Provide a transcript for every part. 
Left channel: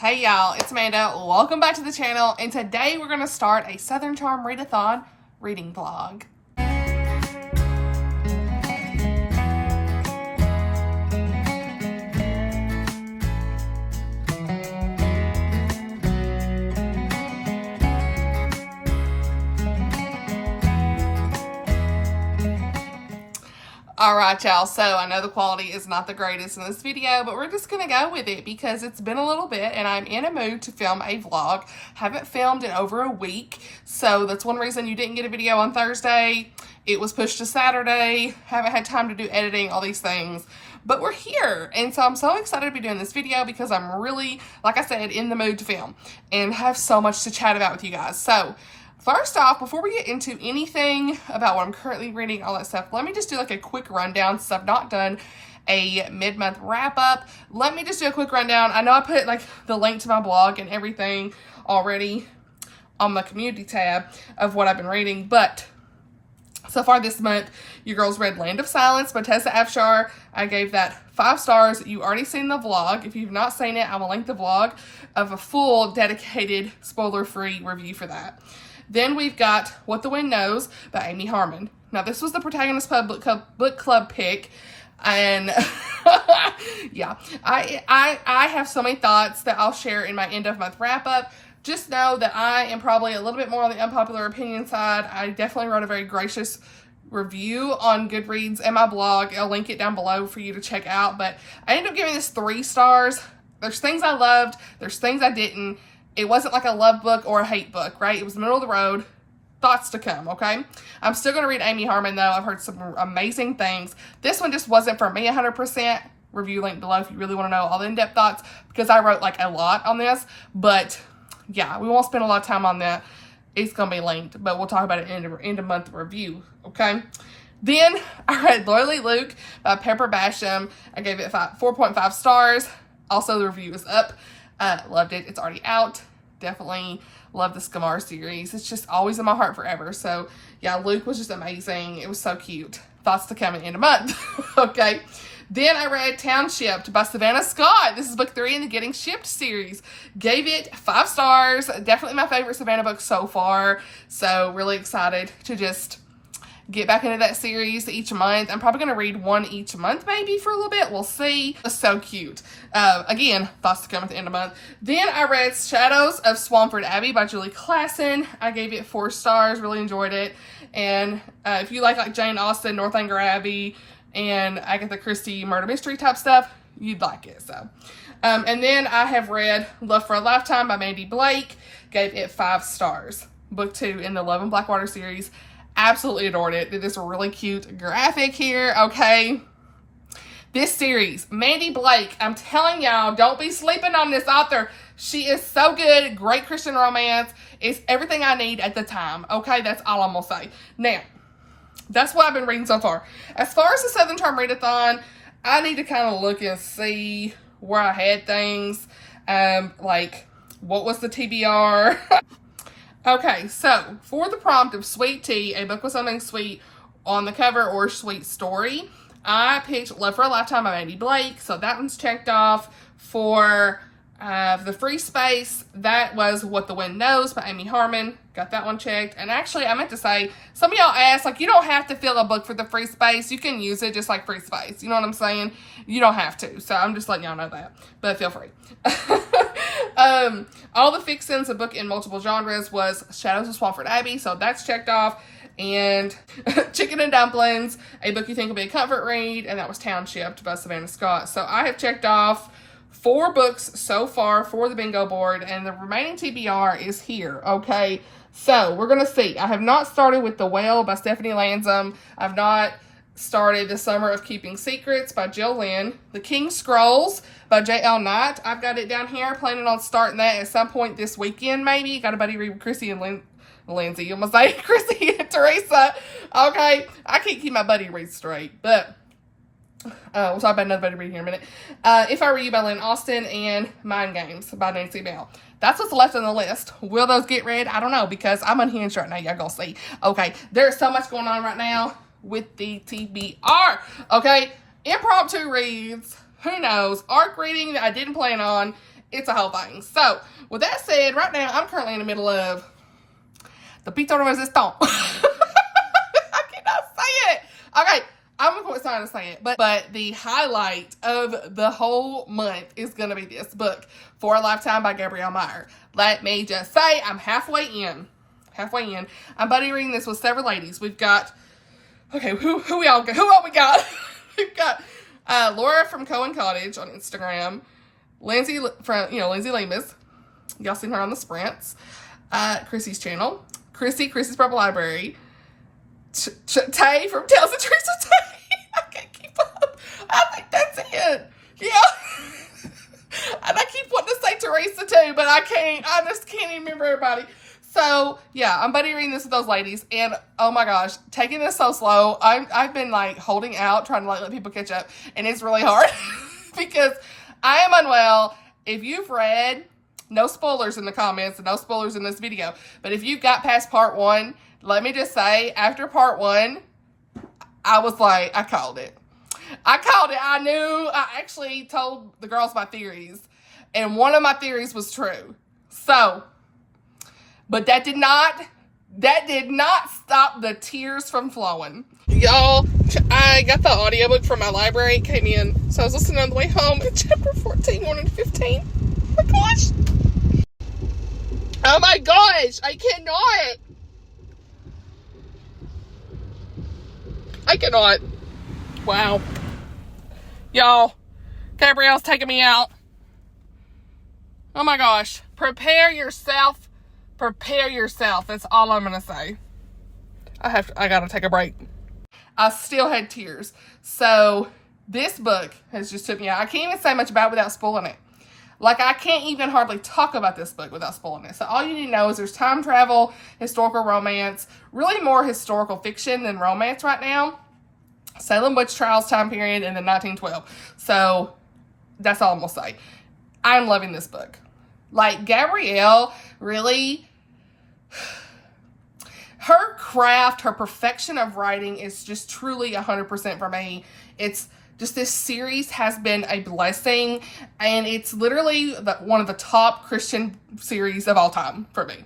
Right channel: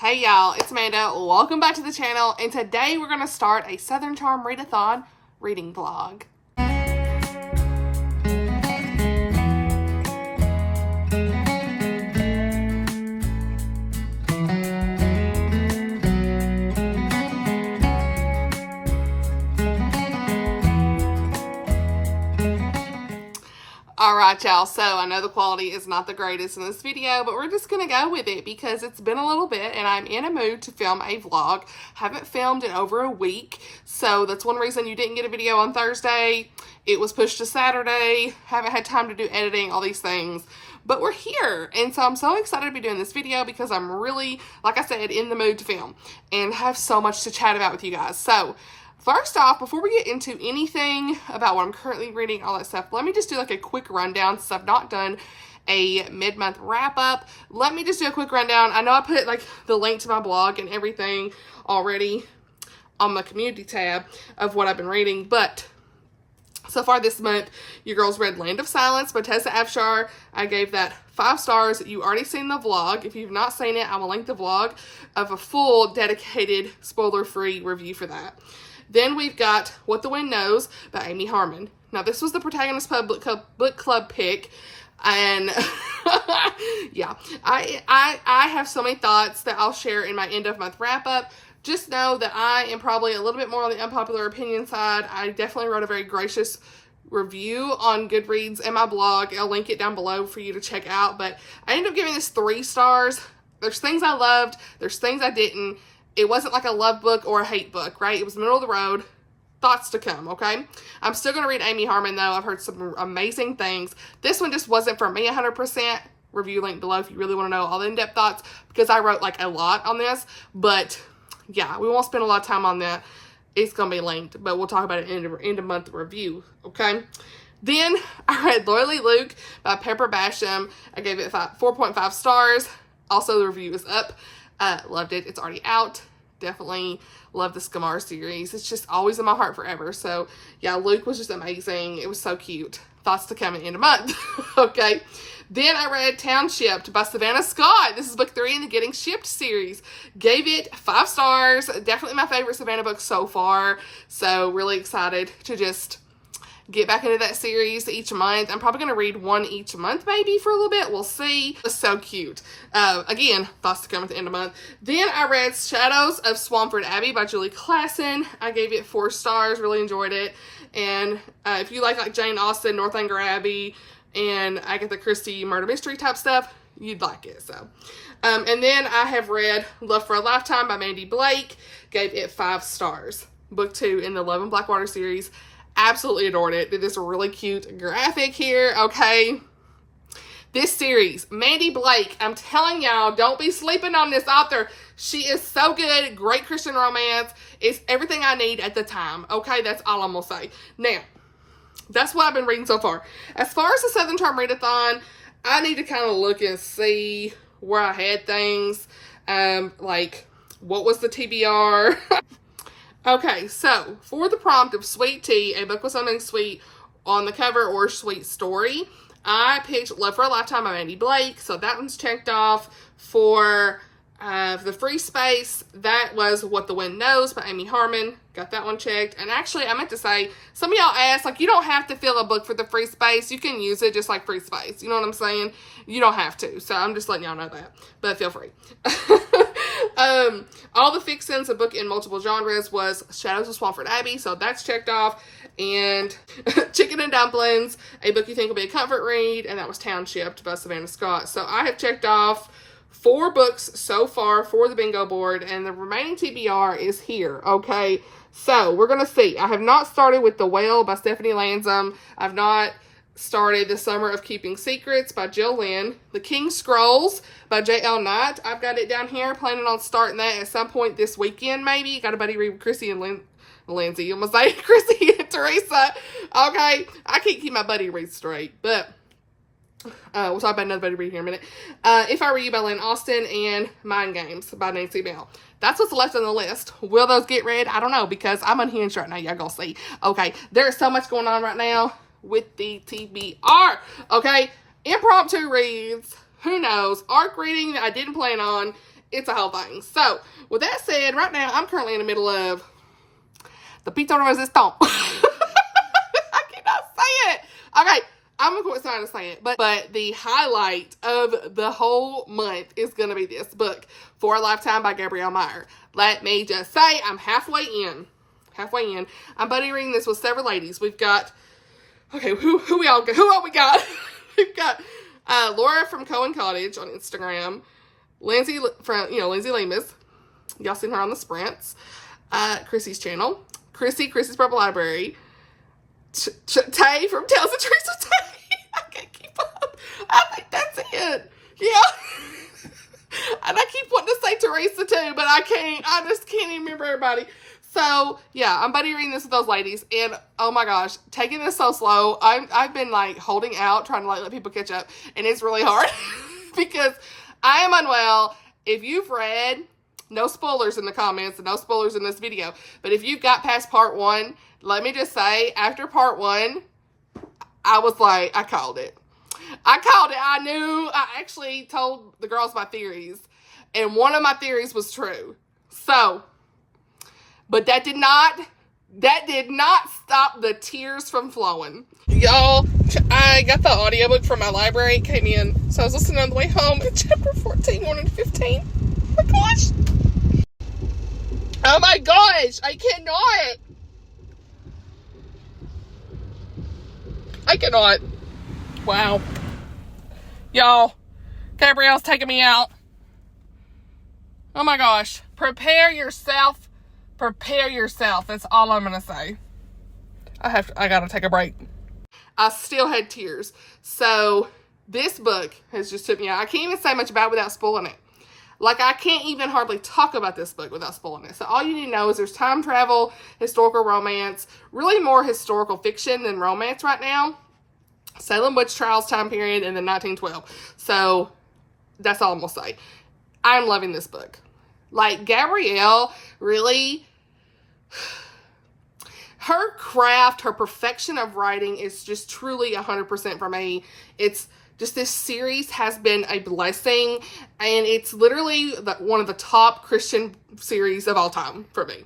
Hey y'all, it's Amanda. Welcome back to the channel, and today we're going to start a Southern Charm Readathon reading vlog. Alright y'all, so I know the quality is not the greatest in this video, but we're just going to go with it because it's been a little bit and I'm in a mood to film a vlog. Haven't filmed in over a week, so that's one reason you didn't get a video on Thursday. It was pushed to Saturday. Haven't had time to do editing, all these things, but we're here. And so I'm so excited to be doing this video because I'm really, like I said, in the mood to film and have so much to chat about with you guys. So first off, before we get into anything about what I'm currently reading, all that stuff, let me just do like a quick rundown since I've not done a mid-month wrap-up. Let me just do a quick rundown. I know I put like the link to my blog and everything already on the community tab of what I've been reading, but so far this month, your girls read Land of Silence by Tessa Afshar. I gave that 5 stars. You already seen the vlog. If you've not seen it, I will link the vlog of a full, dedicated, spoiler-free review for that. Then we've got What the Wind Knows by Amy Harmon. Now, this was the Protagonist Book Club pick, and yeah, I have so many thoughts that I'll share in my end-of-month wrap-up. Just know that I am probably a little bit more on the unpopular opinion side. I definitely wrote a very gracious review on Goodreads and my blog. I'll link it down below for you to check out, but I ended up giving this 3 stars. There's things I loved. There's things I didn't. It wasn't like a love book or a hate book, right? It was middle of the road. Thoughts to come, okay? I'm still going to read Amy Harmon, though. I've heard some amazing things. This one just wasn't for me 100%. Review link below if you really want to know all the in-depth thoughts, because I wrote like a lot on this. But yeah, we won't spend a lot of time on that. It's going to be linked, but we'll talk about it in end of month review, okay? Then I read Loyally Luke by Pepper Basham. I gave it 4.5 stars. Also, the review is up. Loved it. It's already out. Definitely love the Skamar series. It's just always in my heart forever. So yeah, Luke was just amazing. It was so cute. Thoughts to come in end of month. Okay. Then I read Townshipped by Savannah Scott. This is book 3 in the Getting Shipped series. Gave it 5 stars. Definitely my favorite Savannah book so far. So really excited to just get back into that series each month. I'm probably going to read one each month maybe for a little bit. We'll see. It's so cute. Again, thoughts to come at the end of the month. Then I read Shadows of Swampford Abbey by Julie Klassen. I gave it 4 stars. Really enjoyed it. And if you like Jane Austen, Northanger Abbey, and Agatha Christie murder mystery type stuff, you'd like it. So, and then I have read Love for a Lifetime by Mandy Blake. Gave it 5 stars. Book 2 in the Love and Blackwater series. Absolutely adored it. Did this really cute graphic here, okay? This series, Mandy Blake, I'm telling y'all, don't be sleeping on this author. She is so good. Great Christian romance. It's everything I need at the time, okay? That's all I'm going to say. Now, that's what I've been reading so far. As far as the Southern Charm Readathon, I need to kind of look and see where I had things. Like, what was the TBR? Okay, so for the prompt of Sweet Tea, a book with something sweet on the cover or sweet story, I picked Love for a Lifetime by Mandy Blake. So that one's checked off. For the free space, that was What the Wind Knows by Amy Harmon. Got that one checked. And actually, I meant to say, some of y'all asked, like, you don't have to fill a book for the free space. You can use it just like free space. You know what I'm saying? You don't have to. So I'm just letting y'all know that. But feel free. All the Fixins, a book in multiple genres, was Shadows of Swampford Abbey. So that's checked off. And Chicken and Dumplings, a book you think will be a comfort read. And that was Townshipped by Savannah Scott. So I have checked off 4 books so far for the bingo board, and the remaining TBR is here, okay? So, we're going to see. I have not started with The Whale by Stephanie Lansom. I've not started The Summer of Keeping Secrets by Jill Lynn. The King's Scrolls by J.L. Knight. I've got it down here. Planning on starting that at some point this weekend, maybe. Got a buddy read with Chrissy and Lindsay. I'm going to say Chrissy and Teresa. Okay? I can't keep my buddy read straight, but we'll talk about another buddy read here in a minute. If I Were You by Lynn Austin, and Mind Games by Nancy Bell. That's what's left on the list. Will those get read? I don't know, because I'm unhinged right now. Y'all gonna see. Okay, there's so much going on right now with the TBR. Okay, impromptu reads. Who knows? Arc reading that I didn't plan on. It's a whole thing. So, with that said, right now, I'm currently in the middle of the pizza resistance. I cannot say it. Okay, I'm going to quit trying to say it. But the highlight of the whole month is going to be this book, For a Lifetime by Gabrielle Meyer. Let me just say, I'm halfway in. I'm buddy reading this with several ladies. We've got, okay, who all we got? We've got Laura from Cohen Cottage on Instagram. Lindsay from, Lindsay Lemus. Y'all seen her on the sprints. Chrissy's channel. Chrissy's Purple Library. Tay from Tales of Trees with Tay. I can't keep up. I think that's it. Yeah. And I keep wanting to say Teresa too, but I can't. I just can't even remember everybody. So, yeah, I'm buddy reading this with those ladies. And, oh my gosh, taking this so slow. I've been, like, holding out, trying to, like, let people catch up. And it's really hard because I am unwell. If you've read, no spoilers in the comments and no spoilers in this video. But if you've got past part 1, let me just say, after part 1, I was like, I called it. I knew. I actually told the girls my theories. And one of my theories was true. So, but that did not stop the tears from flowing. Y'all, I got the audiobook from my library. It came in. So I was listening on the way home at chapter 14, 1 and 15. Oh my gosh. Oh my gosh. I cannot. Wow. Y'all, Gabrielle's taking me out. Oh my gosh. Prepare yourself. That's all I'm going to say. I got to take a break. I still had tears. So this book has just took me out. I can't even say much about it without spoiling it. Like, I can't even hardly talk about this book without spoiling it. So all you need to know is there's time travel, historical romance, really more historical fiction than romance right now. Salem witch trials time period and then 1912. So that's all I'm going to say. I'm loving this book. Like, Gabrielle really, her craft, her perfection of writing is just truly 100% for me. It's just, this series has been a blessing, and it's literally one of the top Christian series of all time for me.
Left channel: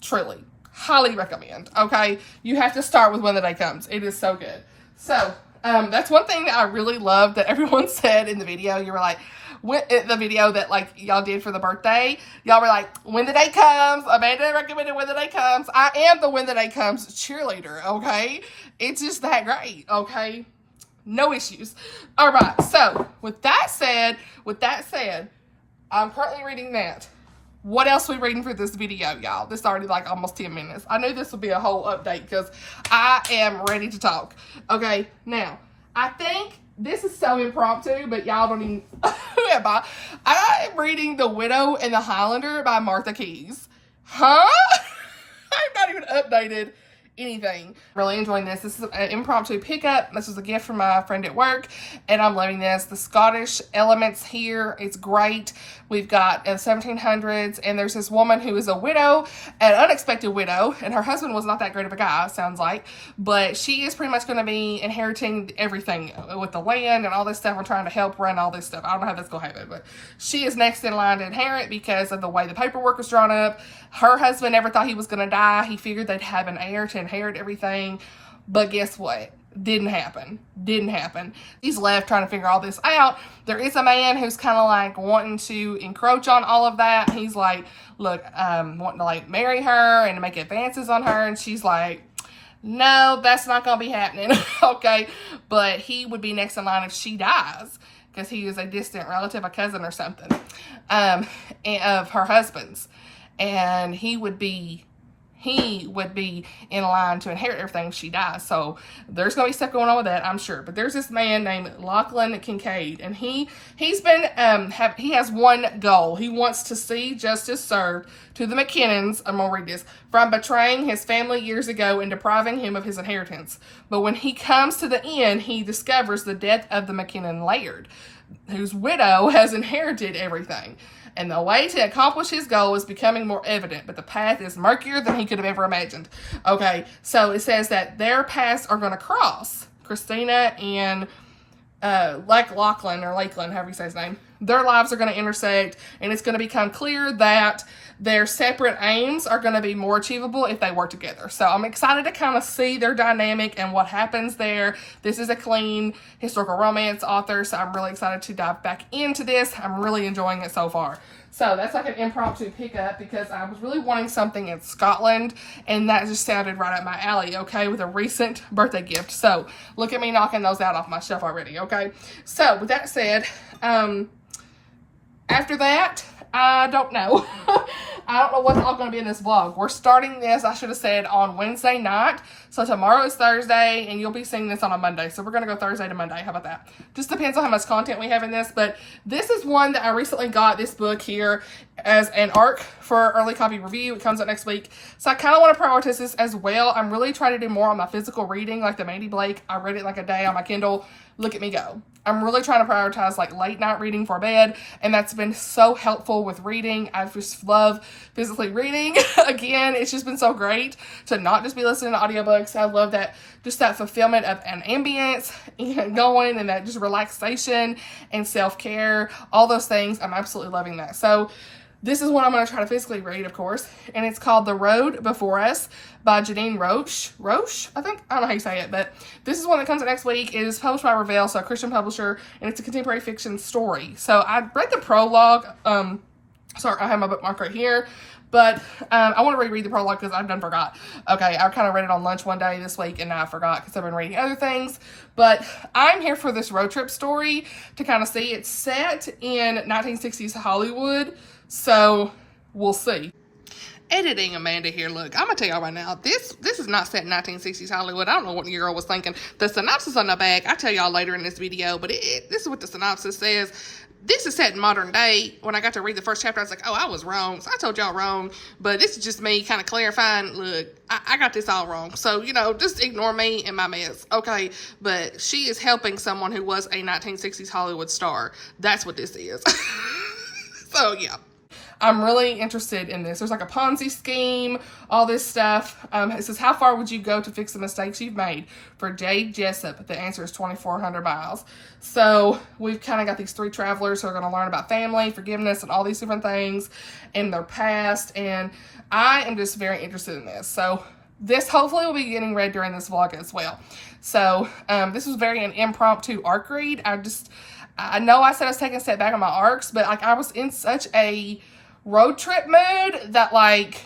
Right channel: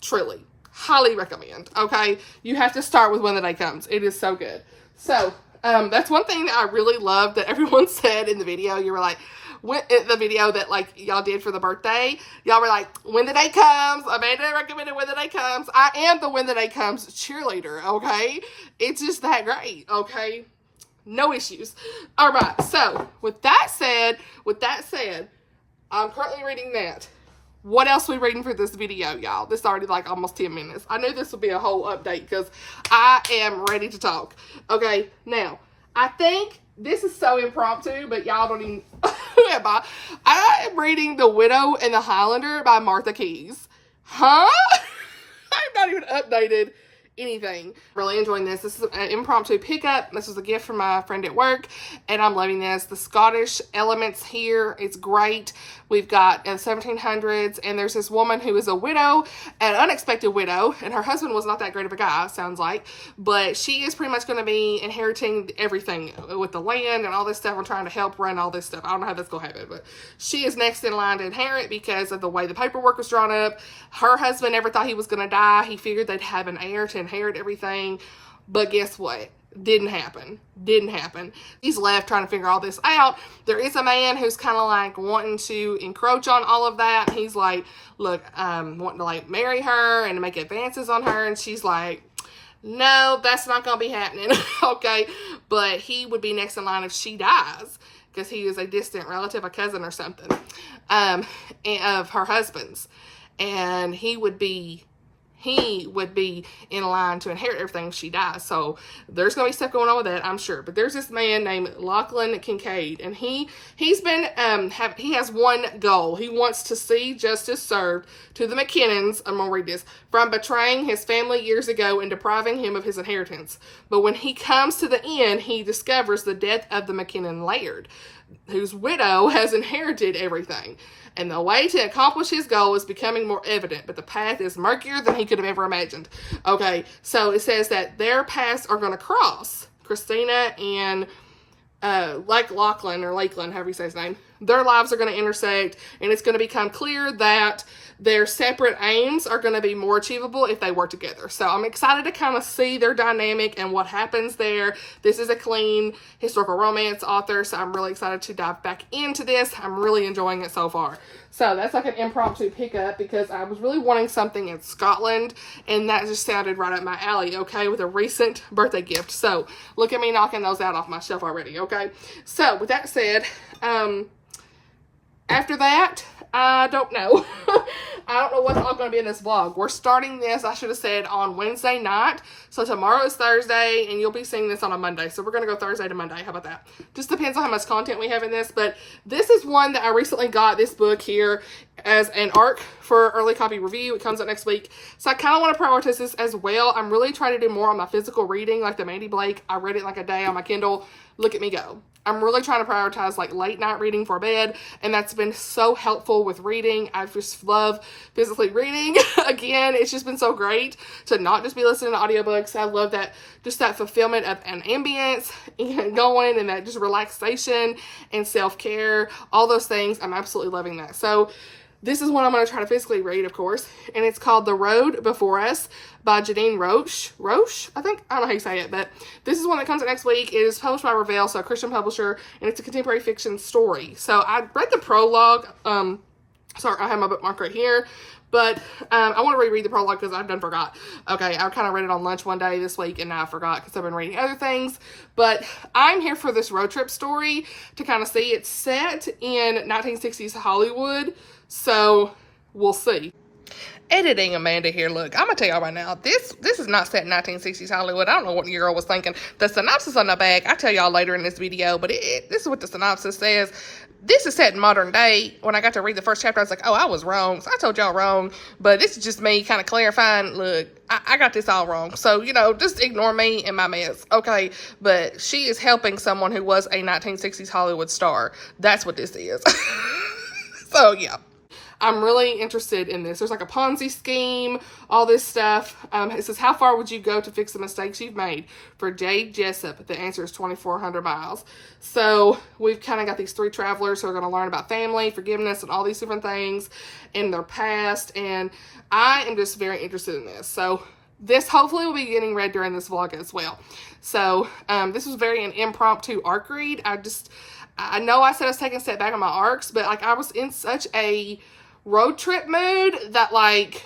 Truly. Highly recommend, okay? You have to start with When the Day Comes. It is so good. So, that's one thing that I really loved that everyone said in the video. You were like, the video that, like, y'all did for the birthday, y'all were like, When the Day Comes, Amanda recommended When the Day Comes. I am the When the Day Comes cheerleader, okay? It's just that great, okay? No issues. All right, so with that said, I'm currently reading that. What else are we reading for this video, y'all? This is already like almost 10 minutes. I knew this would be a whole update because I am ready to talk. Okay, now, I think this is so impromptu, but y'all don't even... Who am I? I am reading The Widow and the Highlander by Martha Keyes. Huh? I'm not even updated anything. Really enjoying this. This is an impromptu pickup. This was a gift from my friend at work, and I'm loving this. The Scottish elements here, it's great. We've got 1700s, and there's this woman who is a widow, an unexpected widow, and her husband was not that great of a guy, sounds like, but she is pretty much going to be inheriting everything with the land and all this stuff. I'm trying to help run all this stuff. I don't know how that's going to happen, but she is next in line to inherit because of the way the paperwork was drawn up. Her husband never thought he was going to die. He figured they'd have an heir to inherit everything, but guess what? Didn't happen. He's left trying to figure all this out. There is a man who's kind of like wanting to encroach on all of that. He's like, look, wanting to like marry her and to make advances on her. And she's like, no, that's not going to be happening. Okay. But he would be next in line if she dies because he is a distant relative, a cousin or something, of her husband's. And he would be in line to inherit everything if she dies. So there's going to be stuff going on with that, I'm sure. But there's this man named Lachlan Kincaid, and he has one goal. He wants to see justice served to the McKinnons, I'm going to read this, from betraying his family years ago and depriving him of his inheritance. But when he comes to the end, he discovers the death of the McKinnon Laird, whose widow has inherited everything. And the way to accomplish his goal is becoming more evident, but the path is murkier than he could have ever imagined. Okay, so it says that their paths are going to cross. Christina and like Lachlan or Lakeland, however you say his name, their lives are going to intersect, and it's going to become clear that their separate aims are going to be more achievable if they work together. So I'm excited to kind of see their dynamic and what happens there. This is a clean historical romance author, so I'm really excited to dive back into this. I'm really enjoying it so far. So that's like an impromptu pickup because I was really wanting something in Scotland, and that just sounded right up my alley, okay, with a recent birthday gift. So look at me knocking those out off my shelf already, okay? So with that said, after that, I don't know. I don't know what's all going to be in this vlog. We're starting this, I should have said, on Wednesday night. So tomorrow is Thursday, and you'll be seeing this on a Monday. So we're going to go Thursday to Monday. How about that? Just depends on how much content we have in this. But this is one that I recently got, this book here, as an ARC for early copy review. It comes out next week. So I kind of want to prioritize this as well. I'm really trying to do more on my physical reading, like the Mandy Blake. I read it like a day on my Kindle. Look at me go. I'm really trying to prioritize like late night reading for bed, and that's been so helpful with reading. I just love physically reading. Again, it's just been so great to not just be listening to audiobooks. I love that, just that fulfillment of an ambience and going, and that just relaxation and self-care, all those things. I'm absolutely loving that. So this is one I'm going to try to physically read, of course, and it's called The Road Before Us by Janine Rosche, I think. I don't know how you say it, but this is one that comes out next week. It is published by Reveal, so a Christian publisher, and it's a contemporary fiction story. So I read the prologue. Sorry, I have my bookmark right here, but I want to reread the prologue because I've done forgot. Okay, I kind of read it on lunch one day this week, and now I forgot because I've been reading other things. But I'm here for this road trip story to kind of see. It's set in 1960s Hollywood, so we'll see. Editing Amanda here. Look, I'm gonna tell y'all right now, this is not set in 1960s Hollywood. I don't know what your girl was thinking. The synopsis on the back, I'll tell y'all later in this video, but this is what the synopsis says. This is set in modern day. When I got to read the first chapter, I was like, oh, I was wrong. So I told y'all wrong, but this is just me kind of clarifying. Look, I got this all wrong. So, you know, just ignore me and my mess, okay? But she is helping someone who was a 1960s Hollywood star. That's what this is. So, yeah. I'm really interested in this. There's like a Ponzi scheme, all this stuff. It says, how far would you go to fix the mistakes you've made? For Jade Jessup, the answer is 2,400 miles. So we've kind of got these three travelers who are going to learn about family, forgiveness, and all these different things in their past. And I am just very interested in this. So this hopefully will be getting read during this vlog as well. So this was very an impromptu ARC read. I know I said I was taking a step back on my ARCs, but like I was in such a road trip mood that like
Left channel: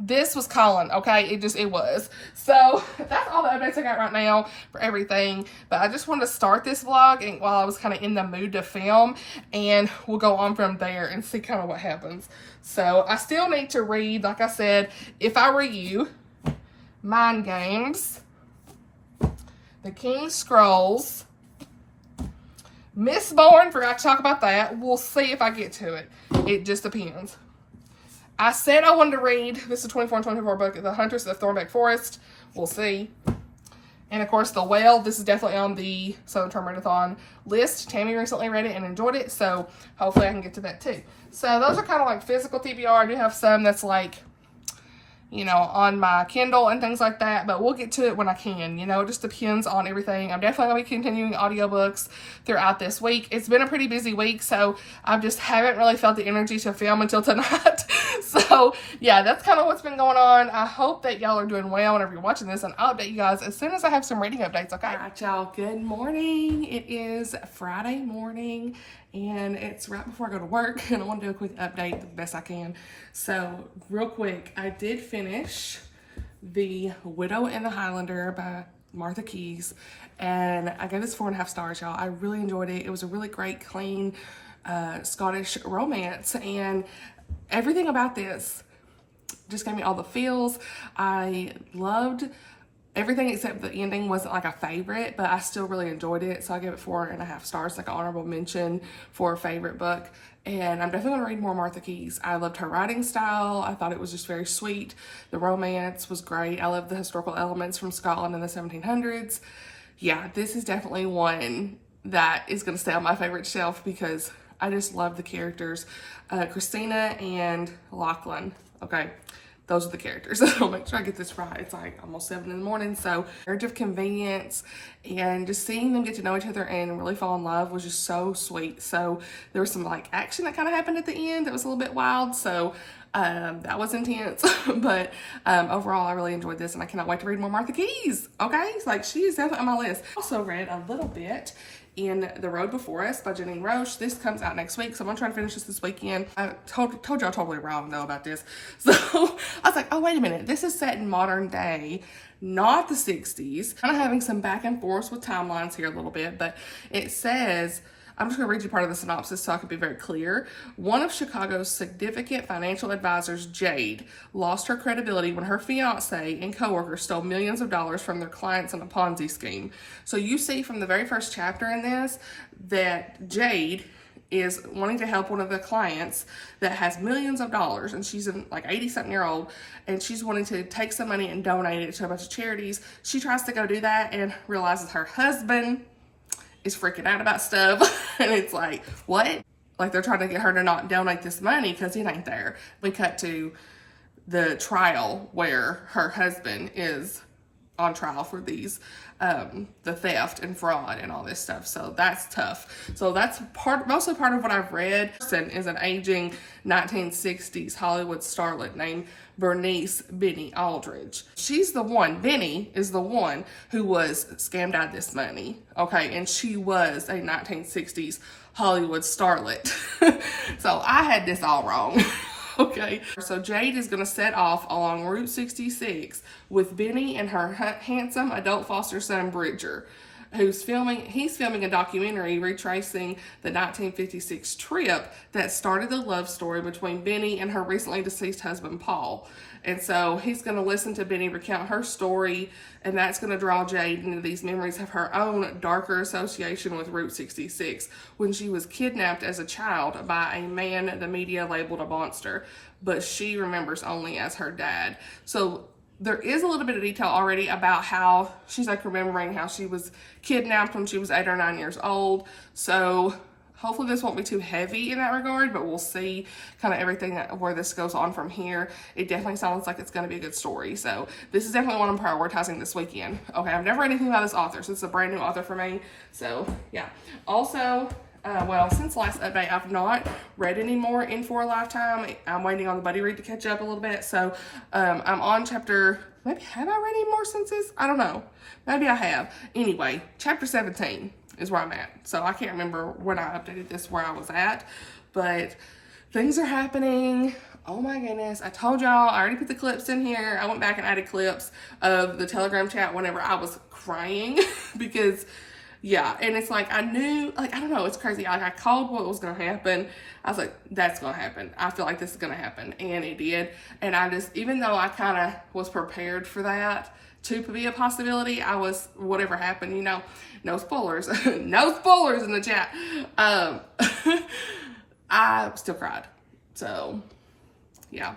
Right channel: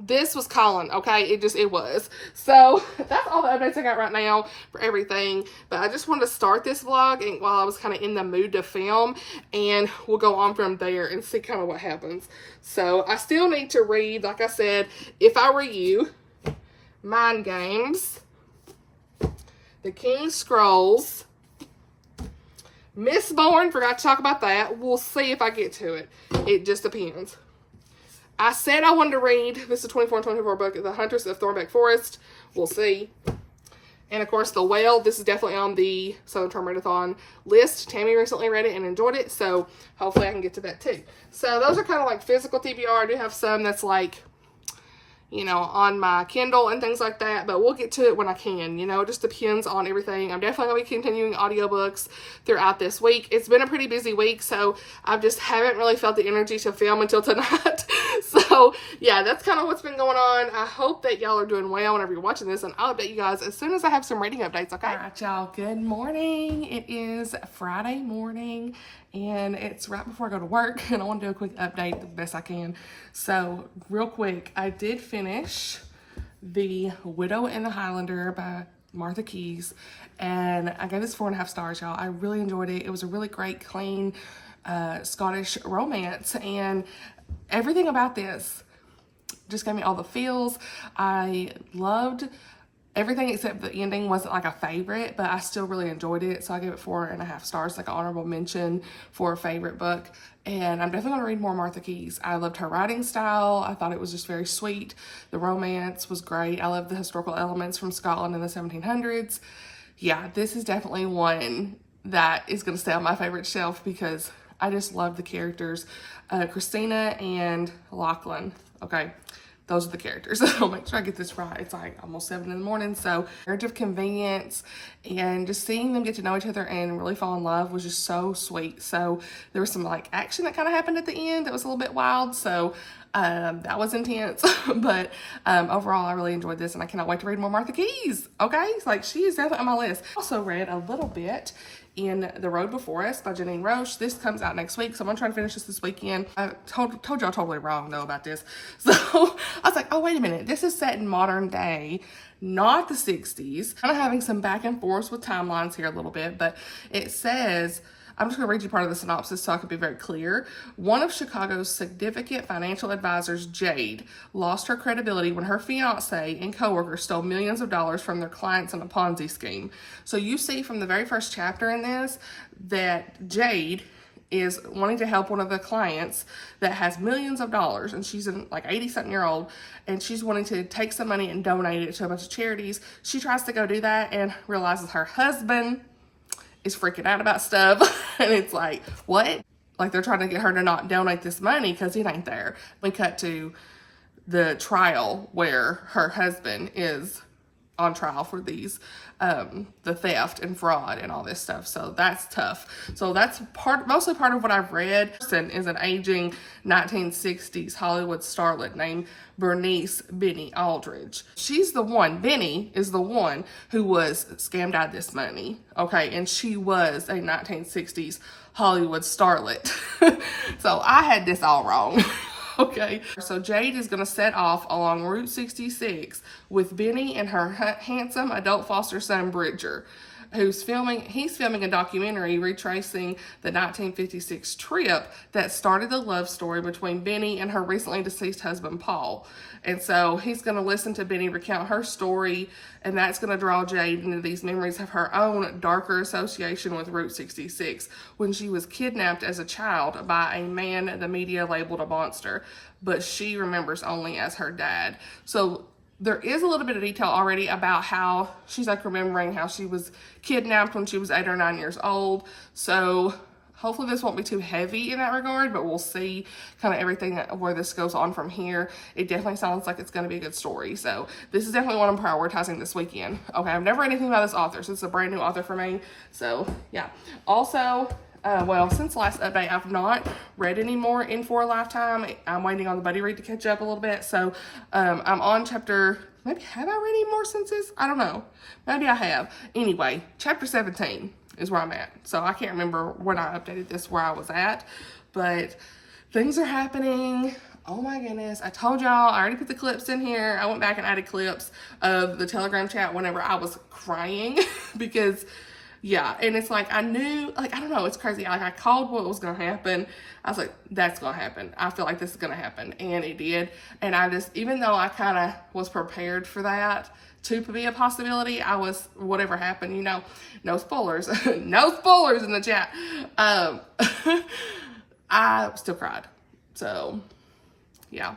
this was calling, okay? It was. So that's all the updates I got right now for everything. But I just wanted to start this vlog and while I was kind of in the mood to film, and we'll go on from there and see kind of what happens. So I still need to read, like I said, If I Were You, Mind Games, The King's Scrolls, Mistborn, forgot to talk about that. We'll see if I get to it. It just depends. I said I wanted to read, this is a 24 and 24 book, The Huntress of Thornbeck Forest. We'll see. And of course, The Whale. This is definitely on the Southern Charm Readathon list. Tammy recently read it and enjoyed it, so hopefully I can get to that too. So those are kind of like physical TBR. I do have some that's like, you know, on my Kindle and things like that, but we'll get to it when I can. You know, it just depends on everything. I'm definitely going to be continuing audiobooks throughout this week. It's been a pretty busy week, so I just haven't really felt the energy to film until tonight. So, yeah, that's kind of what's been going on. I hope that y'all are doing well whenever you're watching this, and I'll update you guys as soon as I have some reading updates, okay? All right, y'all, good morning. It is Friday morning, and it's right before I go to work, and I want to do a quick update the best I can. So, real quick, I did finish The Widow and the Highlander by Martha Keyes, and I gave this 4.5 stars, y'all. I really enjoyed it. It was a really great, clean Scottish romance, and everything about this just gave me all the feels. I loved everything except the ending wasn't like a favorite, but I still really enjoyed it. So I gave it 4.5 stars, like an honorable mention for a favorite book. And I'm definitely going to read more Martha Keyes. I loved her writing style. I thought it was just very sweet. The romance was great. I love the historical elements from Scotland in the 1700s. Yeah, this is definitely one that is going to stay on my favorite shelf because I just love the characters. Christina and Lachlan. Okay, those are the characters. So make sure I get this right. It's like almost 7 in the morning. So marriage of convenience, and just seeing them get to know each other and really fall in love was just so sweet. So there was some like action that kind of happened at the end that was a little bit wild. So that was intense, but overall I really enjoyed this, and I cannot wait to read more Martha Keyes. Okay, like she is definitely on my list. Also read a little bit in The Road Before Us by Janine Rosche. This comes out next week, so I'm gonna try to finish this weekend. I told y'all totally wrong though about this. So I was like, oh wait a minute, this is set in modern day, not the 60s. Kind of having some back and forth with timelines here a little bit, but it says, I'm just going to read you part of the synopsis so I can be very clear. One of Chicago's significant financial advisors, Jade, lost her credibility when her fiance and coworkers stole millions of dollars from their clients in a Ponzi scheme. So you see from the very first chapter in this that Jade is wanting to help one of the clients that has millions of dollars, and she's like 80-something-year-old, and she's wanting to take some money and donate it to a bunch of charities. She tries to go do that and realizes her husband is freaking out about stuff. And it's like, what? Like they're trying to get her to not donate this money because it ain't there. We cut to the trial where her husband is on trial for these, the theft and fraud and all this stuff. So that's tough. So that's mostly part of what I've read. Is an aging 1960s Hollywood starlet named Bernice Benny Aldridge. She's the one, Benny is the one who was scammed out of this money. Okay, and she was a 1960s Hollywood starlet. So I had this all wrong. Okay, so Jade is going to set off along Route 66 with Benny and her handsome adult foster son, Bridger, he's filming a documentary retracing the 1956 trip that started the love story between Benny and her recently deceased husband, Paul. And so he's going to listen to Benny recount her story, and that's going to draw Jade into these memories of her own darker association with Route 66 when she was kidnapped as a child by a man the media labeled a monster, but she remembers only as her dad. So there is a little bit of detail already about how she's like remembering how she was kidnapped when she was 8 or 9 years old. So hopefully this won't be too heavy in that regard, but we'll see kind of everything where this goes on from here. It definitely sounds like it's going to be a good story. So this is definitely what I'm prioritizing this weekend. Okay, I've never read anything about this author, so it's a brand new author for me. So yeah. Also, well, since the last update, I've not read any more in For a Lifetime. I'm waiting on the buddy read to catch up a little bit. So I'm on chapter, maybe have I read any more since this? I don't know. Maybe I have. Anyway, chapter 17 is where I'm at. So I can't remember when I updated this where I was at, but things are happening. Oh my goodness. I told y'all, I already put the clips in here. I went back and added clips of the Telegram chat whenever I was crying because yeah, and it's like, I knew, like, I don't know, it's crazy. Like, I called what was going to happen. I was like, that's going to happen. I feel like this is going to happen. And it did. And I just, even though I kind of was prepared for that to be a possibility, I was, whatever happened, you know, no spoilers. No spoilers in the chat. I still cried. So, yeah.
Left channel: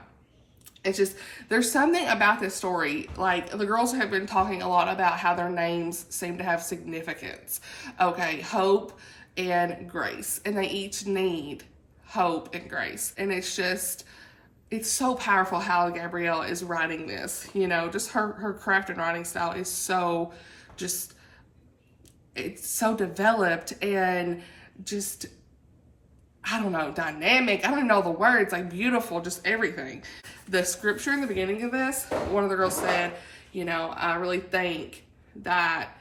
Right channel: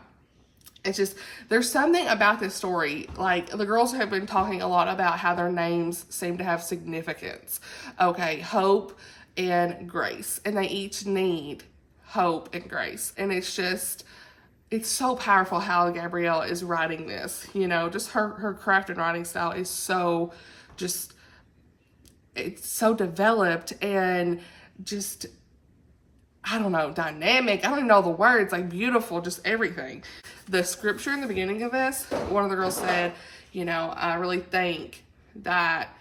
It's just, there's something about this story, like the girls have been talking a lot about how their names seem to have significance. Okay, Hope and Grace, and they each need hope and grace. And it's just, it's so powerful how Gabrielle is writing this, you know, just her craft and writing style is so just, it's so developed and just, I don't know, dynamic. I don't even know the words, like beautiful, just everything. The scripture in the beginning of this, one of the girls said, you know, I really think that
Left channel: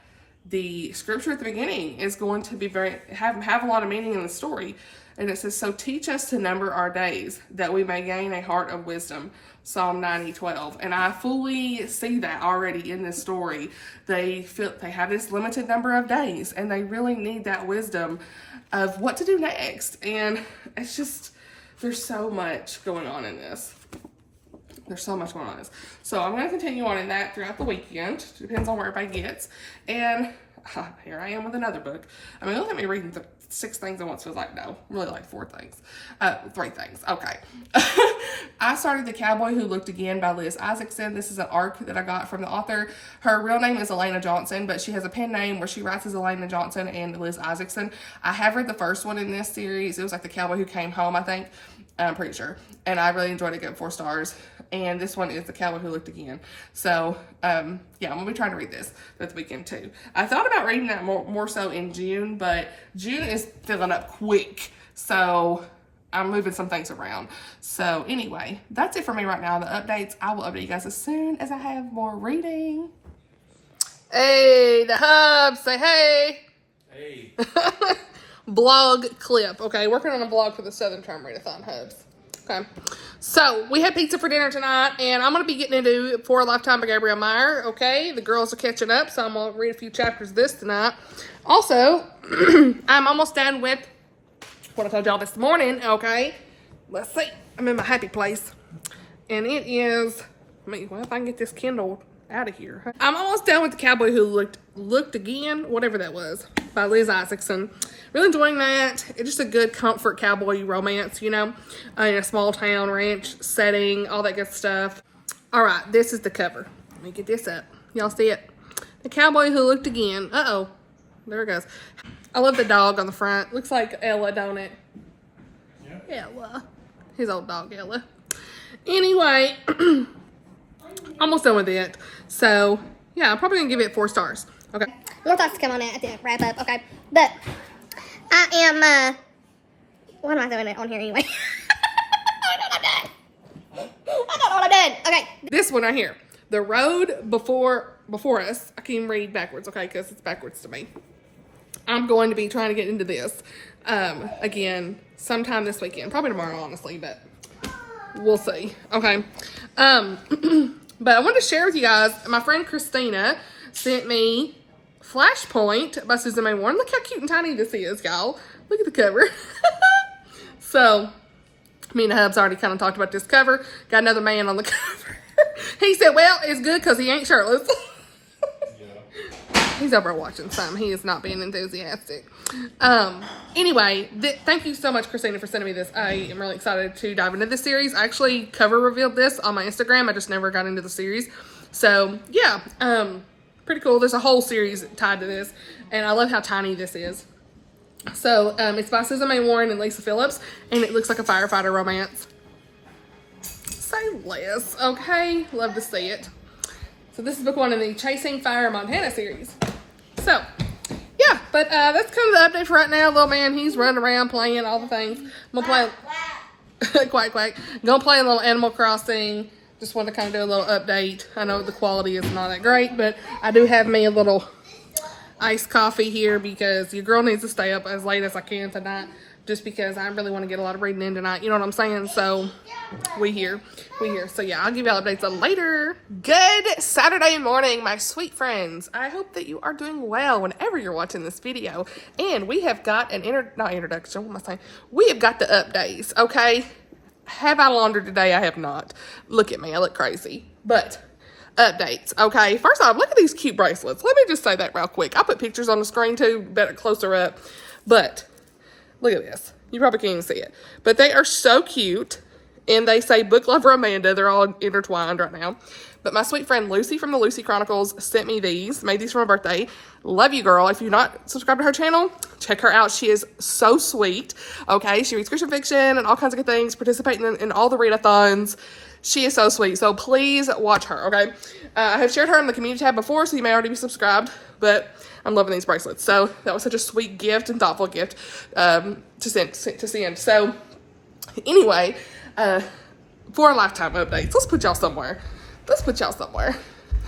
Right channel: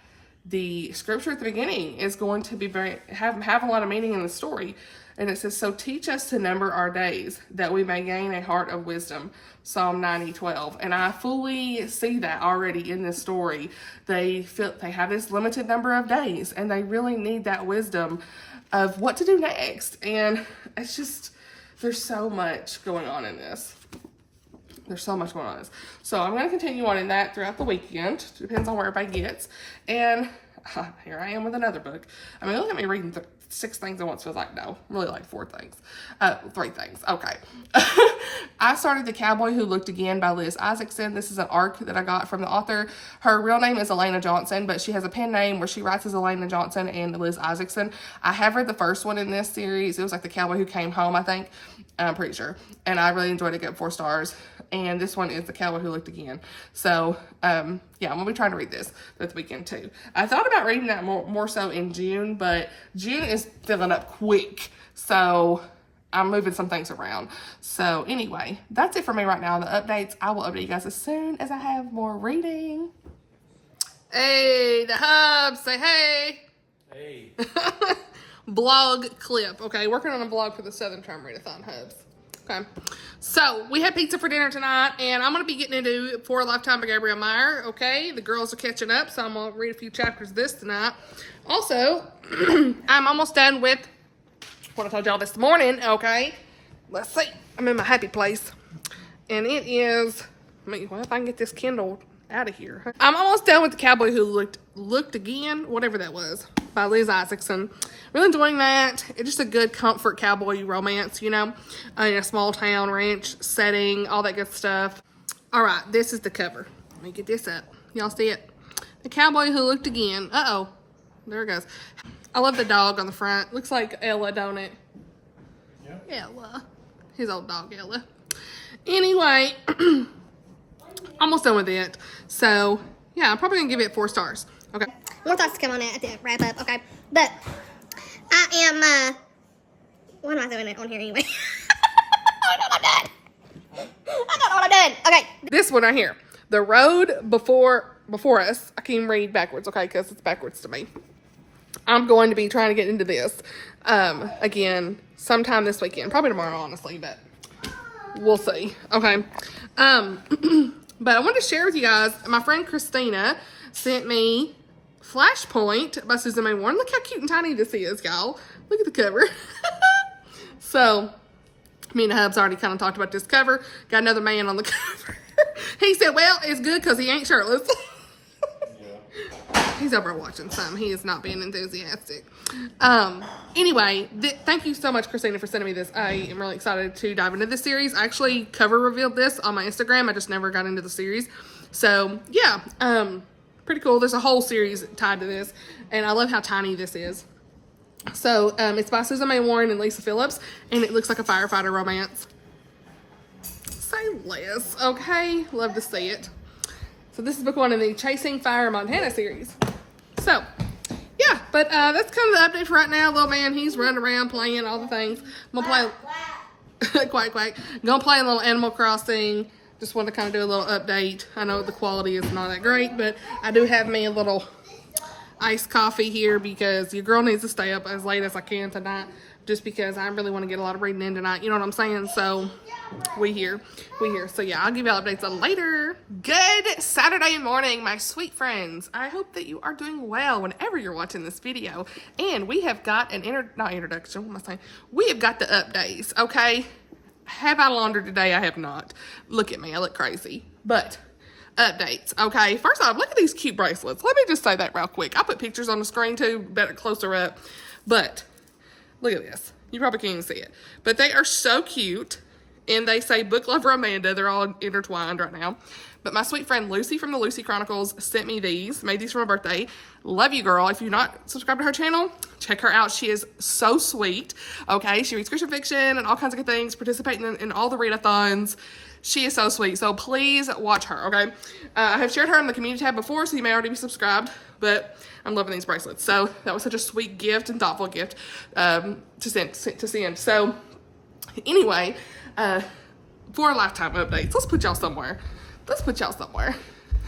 the scripture at the beginning is going to be have a lot of meaning in the story. And it says, so teach us to number our days that we may gain a heart of wisdom. Psalm 90:12. And I fully see that already in this story. They have this limited number of days and they really need that wisdom of what to do next. And it's just, there's so much going on in this. There's so much going on in this. So I'm going to continue on in that throughout the weekend. Depends on where everybody gets. And here I am with another book. I mean, look at me reading 6 things at once. Feels like, no, really like 4 things. 3 things. Okay. I started The Cowboy Who Looked Again by Liz Isaacson. This is an arc that I got from the author. Her real name is Elena Johnson, but she has a pen name where she writes as Elena Johnson and Liz Isaacson. I have read the first one in this series. It was like The Cowboy Who Came Home, I think. I'm pretty sure. And I really enjoyed it. Got 4 stars. and this one is The Cowboy Who Looked Again. So, yeah, I'm going to be trying to read this weekend too. I thought about reading that more so in June, but June is filling up quick. So, I'm moving some things around. So, anyway, that's it for me right now. The updates, I will update you guys as soon as I have more reading. Hey, the hubs, say hey. Hey. Blog clip. Okay, working on a blog for the Southern Charm Readathon hubs. Okay, so we had pizza for dinner tonight, and I'm going to be getting into For a Lifetime by Gabrielle Meyer. Okay, the girls are catching up, so I'm going to read a few chapters of this tonight. Also, I'm almost done with what I told y'all this morning. Okay, let's see. I'm in my happy place, and it is. Well, if I can get this Kindle out of here. I'm almost done with The Cowboy Who Looked Again, whatever that was, by Liz Isaacson. Really enjoying that. It's just a good comfort cowboy romance, you know, in a small town ranch setting, all that good stuff. All right, this is the cover. Let me get this up. Y'all see it? The Cowboy Who Looked Again. Uh-oh. There it goes. I love the dog on the front. Looks like Ella, don't it? Yeah. Ella. His old dog, Ella. Anyway, almost done with it. So, yeah, I'm probably going to give it 4 stars. Okay. More thoughts to come on that at the wrap up, okay? But I am, what am I doing on here anyway? I don't know what I'm doing. Okay. This one right here. The road before us. I can't read backwards, okay, because it's backwards to me. I'm going to be trying to get into this again sometime this weekend. Probably tomorrow, honestly, but we'll see. Okay. But I wanted to share with you guys, my friend Christina sent me Flashpoint by Susan May Warren. Look how cute and tiny this is, y'all. Look at the cover. So, me and the hubs already kind of talked about this cover. Got another man on the cover. He said, well, it's good because he ain't shirtless. He's over watching some. He is not being enthusiastic. Anyway, thank you so much, Christina, for sending me this. I am really excited to dive into this series. I actually cover revealed this on my Instagram. I just never got into the series. So, yeah. Pretty cool. There's a whole series tied to this. And I love how tiny this is. So, it's by Susan May Warren and Lisa Phillips. And it looks like a firefighter romance. Say less. Okay. Love to see it. So this is book 1 in the Chasing Fire Montana series. So, yeah, but that's kind of the update for right now. Little man, he's running around playing all the things. I'm going to play, quack, quack. Going to play a little Animal Crossing. Just want to kind of do a little update. I know the quality is not that great, but I do have me a little iced coffee here because your girl needs to stay up as late as I can tonight. Just because I really want to get a lot of reading in tonight. You know what I'm saying? So, we here. So, yeah, I'll give y'all updates later. Good Saturday morning, my sweet friends. I hope that you are doing well whenever you're watching this video. And we have got an introduction. What am I saying? We have got the updates, okay? Have I laundered today? I have not. Look at me. I look crazy. But, updates, okay? First off, look at these cute bracelets. Let me just say that real quick. I put pictures on the screen, too. Better closer up. But look at this. You probably can't even see it. But they are so cute. And they say Book Lover Amanda. They're all intertwined right now. But my sweet friend Lucy from the Lucy Chronicles sent me these. Made these for my birthday. Love you, girl. If you're not subscribed to her channel, check her out. She is so sweet. Okay? She reads Christian fiction and all kinds of good things. Participating in all the readathons. She is so sweet. So please watch her, okay? I have shared her in the community tab before, so you may already be subscribed. But I'm loving these bracelets. So that was such a sweet gift and thoughtful gift to send. So anyway, For a Lifetime updates. Let's put y'all somewhere.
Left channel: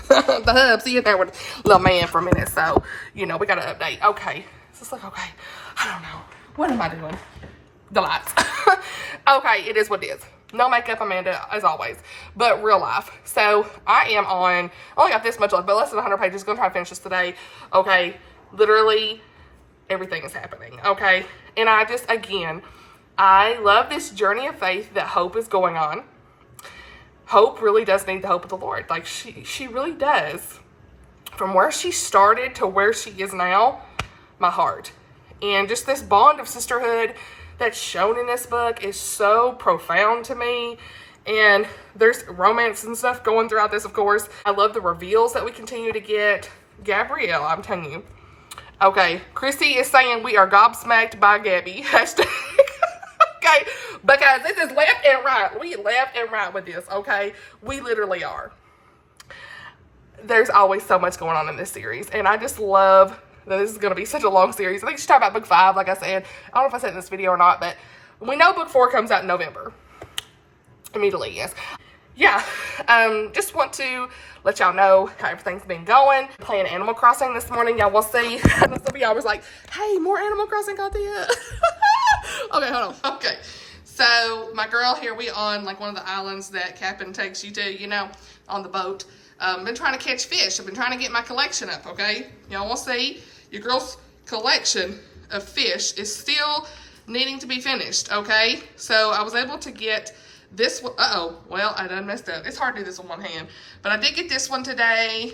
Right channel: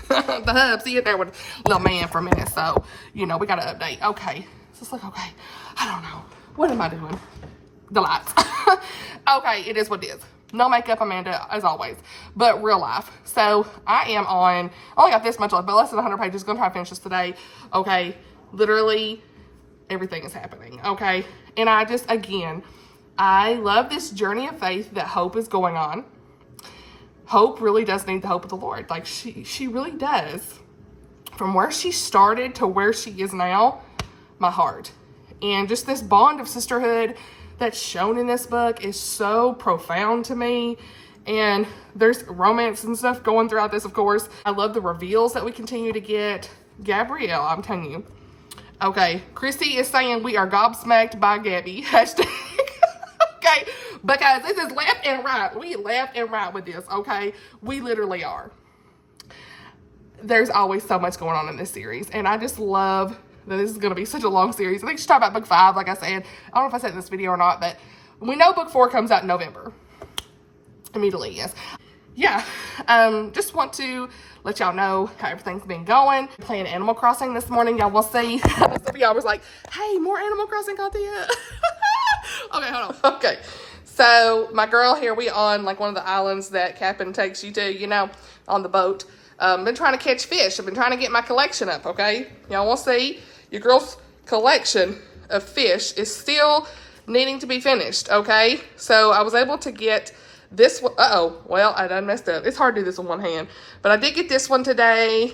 The hub, see you there with little man for a minute. So, you know, we got to update. Okay. So it's like, okay. I don't know. What am I doing? The lights. Okay, it is what it is. No makeup, Amanda, as always. But real life. So, I am on, I only got this much left, but less than 100 pages. Going to try to finish this today. Okay. Literally, everything is happening. Okay. And I just, again, I love this journey of faith that Hope is going on. Hope really does need the hope of the Lord. Like, she really does. From where she started to where she is now, my heart. And just this bond of sisterhood that's shown in this book is so profound to me. And there's romance and stuff going throughout this, of course. I love the reveals that we continue to get. Gabrielle, I'm telling you. Okay, Chrissy is saying we are gobsmacked by Gabby. Hashtag Okay, because this is left and right. We left and right with this, okay? We literally are. There's always so much going on in this series, and I just love that this is going to be such a long series. I think she's talking about book 5, like I said. I don't know if I said in this video or not, but we know book 4 comes out in November. Immediately, yes. Yeah, just want to let y'all know how everything's been going. Playing Animal Crossing this morning, y'all will see. Some of y'all was like, hey, more Animal Crossing content. Okay, hold on. Okay, so my girl here, we on like one of the islands that Captain takes you to, you know, on the boat. Been trying to catch fish. I've been trying to get my collection up, okay? Y'all will see your girl's collection of fish is still needing to be finished, okay? So I was able to get this one. Uh-oh, well, I done messed up. It's hard to do this with one hand, but I did get this one today,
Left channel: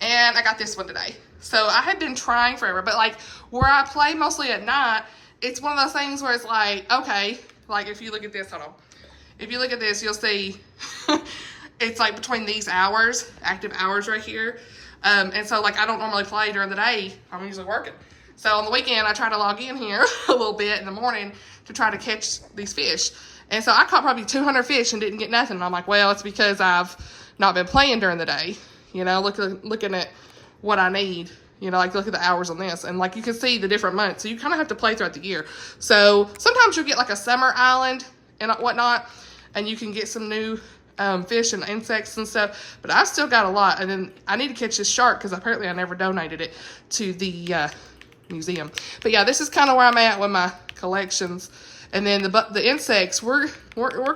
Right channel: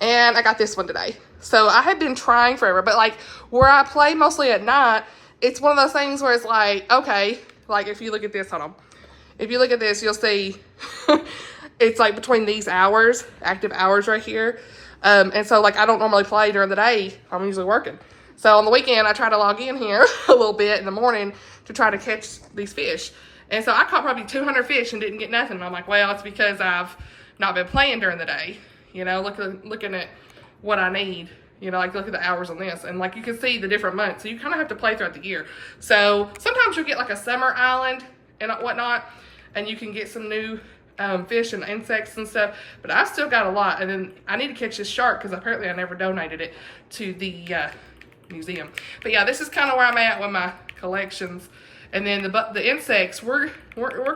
and I got this one today. So I had been trying forever, but like where I play mostly at night, it's one of those things where it's like, okay, like if you look at this, hold on. If you look at this, you'll see it's like between these hours, active hours right here. And so like I don't normally play during the day. I'm usually working. So on the weekend, I try to log in here a little bit in the morning to try to catch these fish. And so I caught probably 200 fish and didn't get nothing. And I'm like, well, it's because I've not been playing during the day. You know, looking at what I need. You know, like look at the hours on this. And like you can see the different months. So you kind of have to play throughout the year. So sometimes you'll get like a summer island and whatnot. And you can get some new fish and insects and stuff, but I still got a lot. And then I need to catch this shark because apparently I never donated it to the museum. But yeah, this is kind of where I'm at with my collections. And then the insects, we're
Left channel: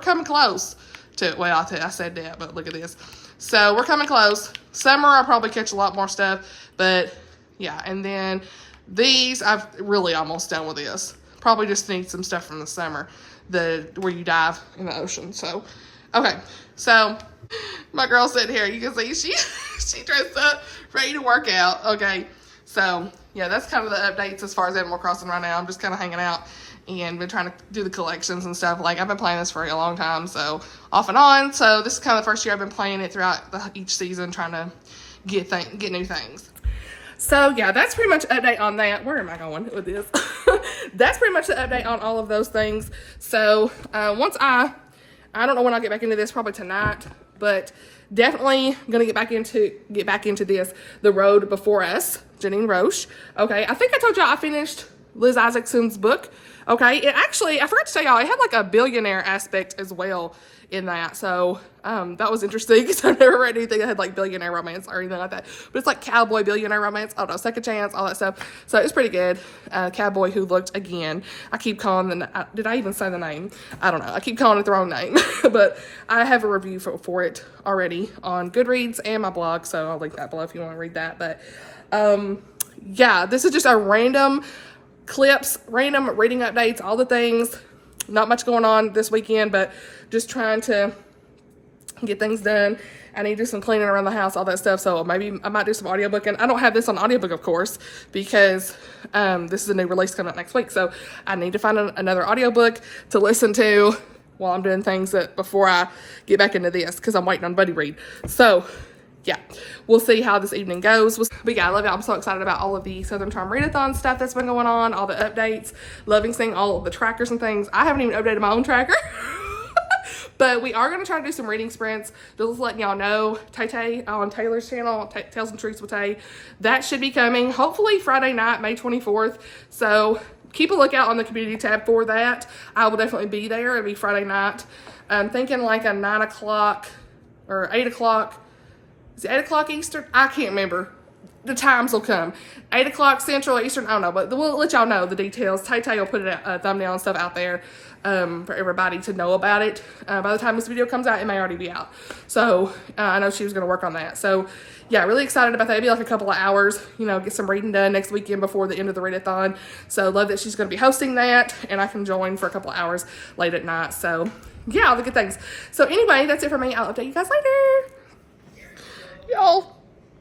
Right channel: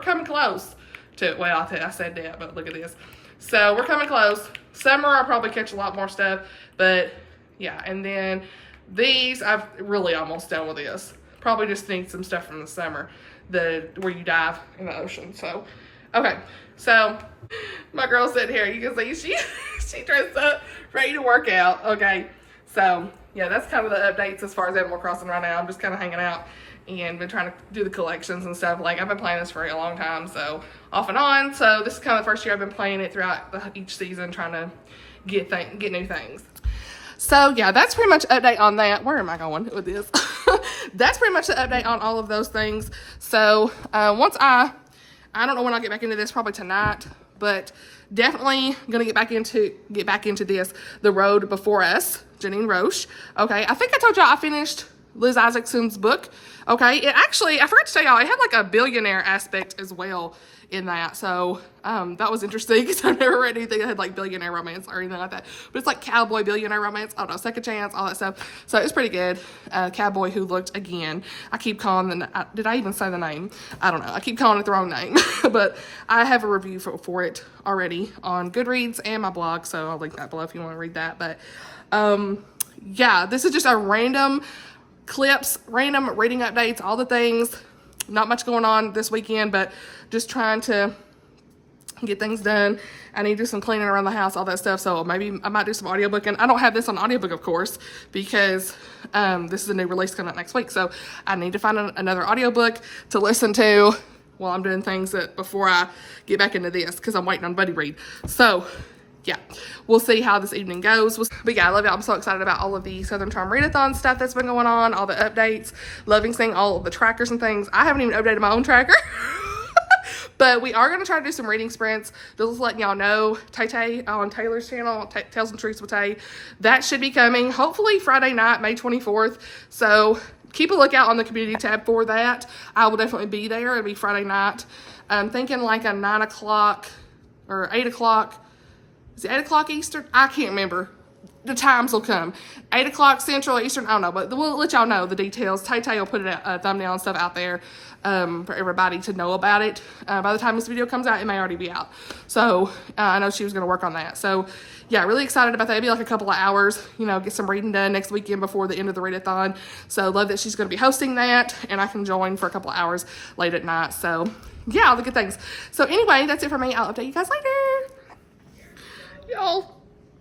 coming close to, well, I said that, but look at this. So we're coming close. Summer, I'll probably catch a lot more stuff, but yeah. And then these, I've really almost done with this. Probably just need some stuff from the summer, where you dive in the ocean. So okay, so my girl sitting here, you can see she dressed up, ready to work out. Okay, so yeah, that's kind of the updates as far as Animal Crossing right now. I'm just kind of hanging out and been trying to do the collections and stuff. Like I've been playing this for a long time, so off and on. So this is kind of the first year I've been playing it throughout each season, trying to get new things. So yeah, that's pretty much update on that. Where am I going with this? That's pretty much the update on all of those things. So once I don't know when I'll get back into this, probably tonight, but definitely gonna get back into this, The Road Before Us, Janine Rosche. Okay, I think I told y'all I finished Liz Isaacson's book. Okay, it actually, I forgot to tell y'all, it had like a billionaire aspect as well in that. So that was interesting because I've never read anything that had like billionaire romance or anything like that. But it's like Cowboy billionaire romance. I don't know, Second Chance, all that stuff. So it's pretty good. Cowboy Who Looked Again. I keep calling did I even say the name? I don't know. I keep calling it the wrong name. But I have a review for it already on Goodreads and my blog. So I'll link that below if you want to read that. But yeah, this is just a random clips, random reading updates, all the things. Not much going on this weekend, but just trying to get things done. I need to do some cleaning around the house, all that stuff. So maybe I might do some audiobook. And I don't have this on audiobook, of course, because this is a new release coming out next week. So I need to find another audiobook to listen to while I'm doing things before I get back into this, because I'm waiting on Buddy Read. So yeah, we'll see how this evening goes. But yeah, I love it. I'm so excited about all of the Southern Charm Readathon stuff that's been going on, all the updates, loving seeing all of the trackers and things. I haven't even updated my own tracker. But we are going to try to do some reading sprints. Just letting y'all know, Tay on Taylor's channel, Tales and Truths with Tay, that should be coming hopefully Friday night, May 24th. So keep a lookout on the community tab for that. I will definitely be there. It'll be Friday night. I'm thinking like a 9 o'clock or 8 o'clock. Is it 8 o'clock Eastern? I can't remember. The times will come. 8 o'clock Central, Eastern, I don't know. But we'll let y'all know the details. Tay will put a thumbnail and stuff out there for everybody to know about it. By the time this video comes out, it may already be out. So I know she was going to work on that. So yeah, really excited about that. It'll be like a couple of hours, you know, get some reading done next weekend before the end of the readathon. So love that she's going to be hosting that, and I can join for a couple of hours late at night. So yeah, all the good things. So anyway, that's it for me. I'll update you guys later. Y'all,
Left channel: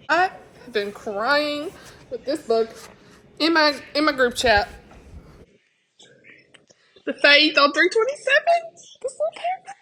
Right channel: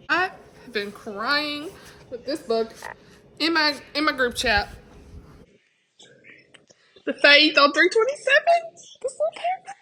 I have been crying with this book in my group chat. The Faith on 327. This little paragraph.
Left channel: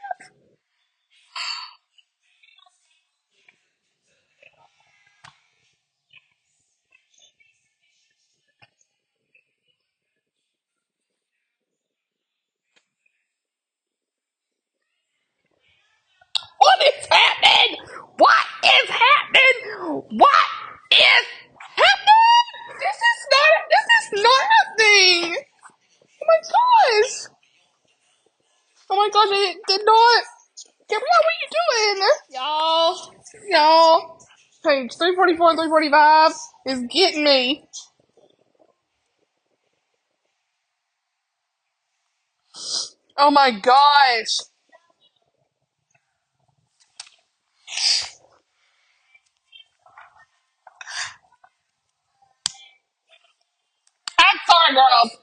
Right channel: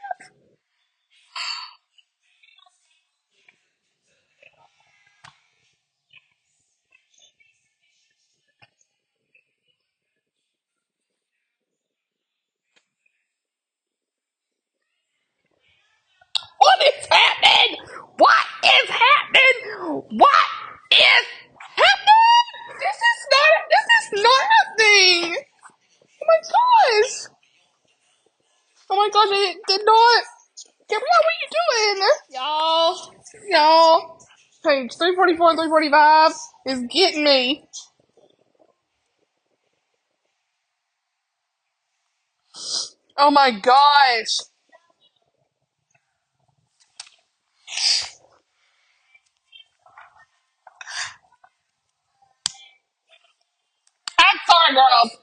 Y'all, page 344 and 345 is getting me. Oh my gosh. I'm sorry, girls.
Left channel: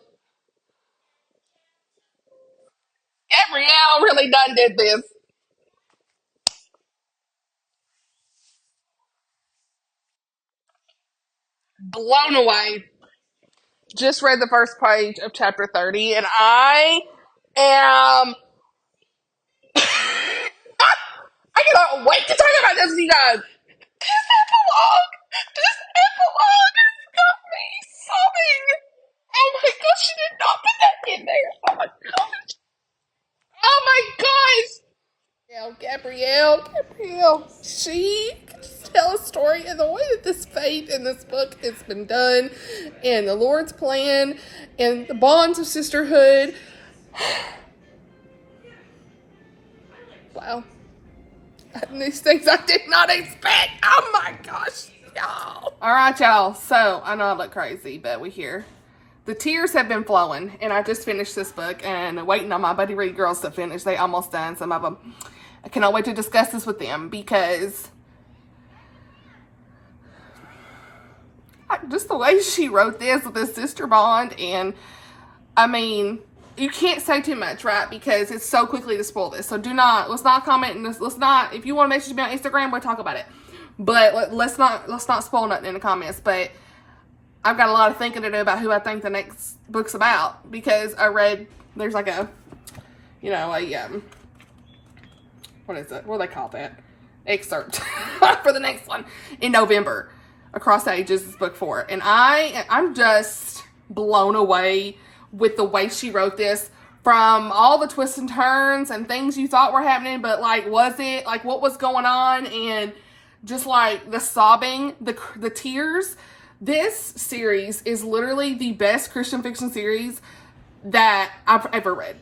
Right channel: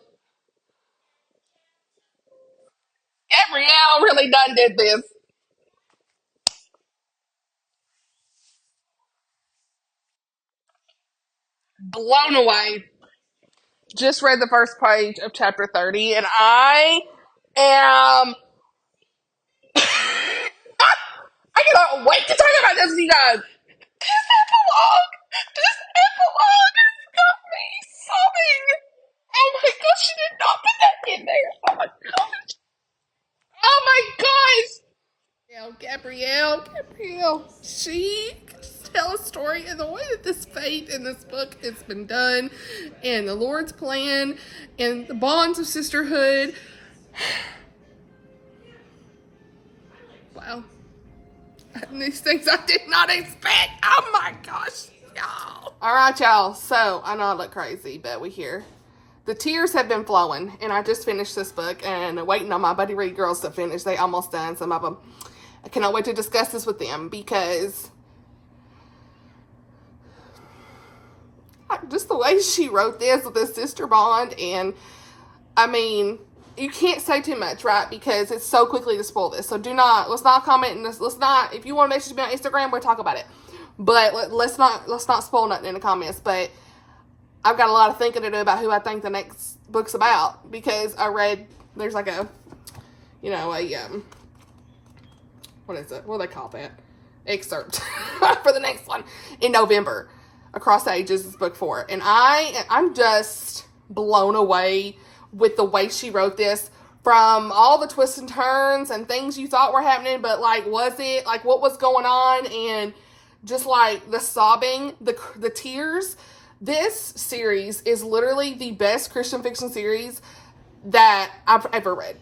Gabrielle really done did this. Blown away. Just read the first page of chapter 30, and I am. I cannot wait to talk about this with you guys. This epilogue has got me sobbing. Oh my gosh, she did not put that in there. Oh my gosh. Oh my gosh. Gabrielle, she can just tell a story, and the way that this fate in this book has been done, and the Lord's plan, and the bonds of sisterhood. Wow. These things I did not expect. Oh my gosh, y'all. All right, y'all. So, I know I look crazy, but we here. The tears have been flowing, and I just finished this book and waiting on my Buddy Read girls to finish. They almost done, some of them. I cannot wait to discuss this with them because just the way she wrote this with this sister bond, and I mean, you can't say too much, right? Because it's so quickly to spoil this. So let's not comment, and let's not, if you want to message me on Instagram, we'll talk about it. But let's not spoil nothing in the comments. But I've got a lot of thinking to do about who I think the next book's about, because I read, there's like a, what is it? What do they call that? Excerpt for the next one in November. Across the Ages is book 4. And I'm just blown away with the way she wrote this, from all the twists and turns and things you thought were happening, but like, was it? Like, what was going on? And just like the sobbing, the tears. This series is literally the best Christian fiction series that I've ever read.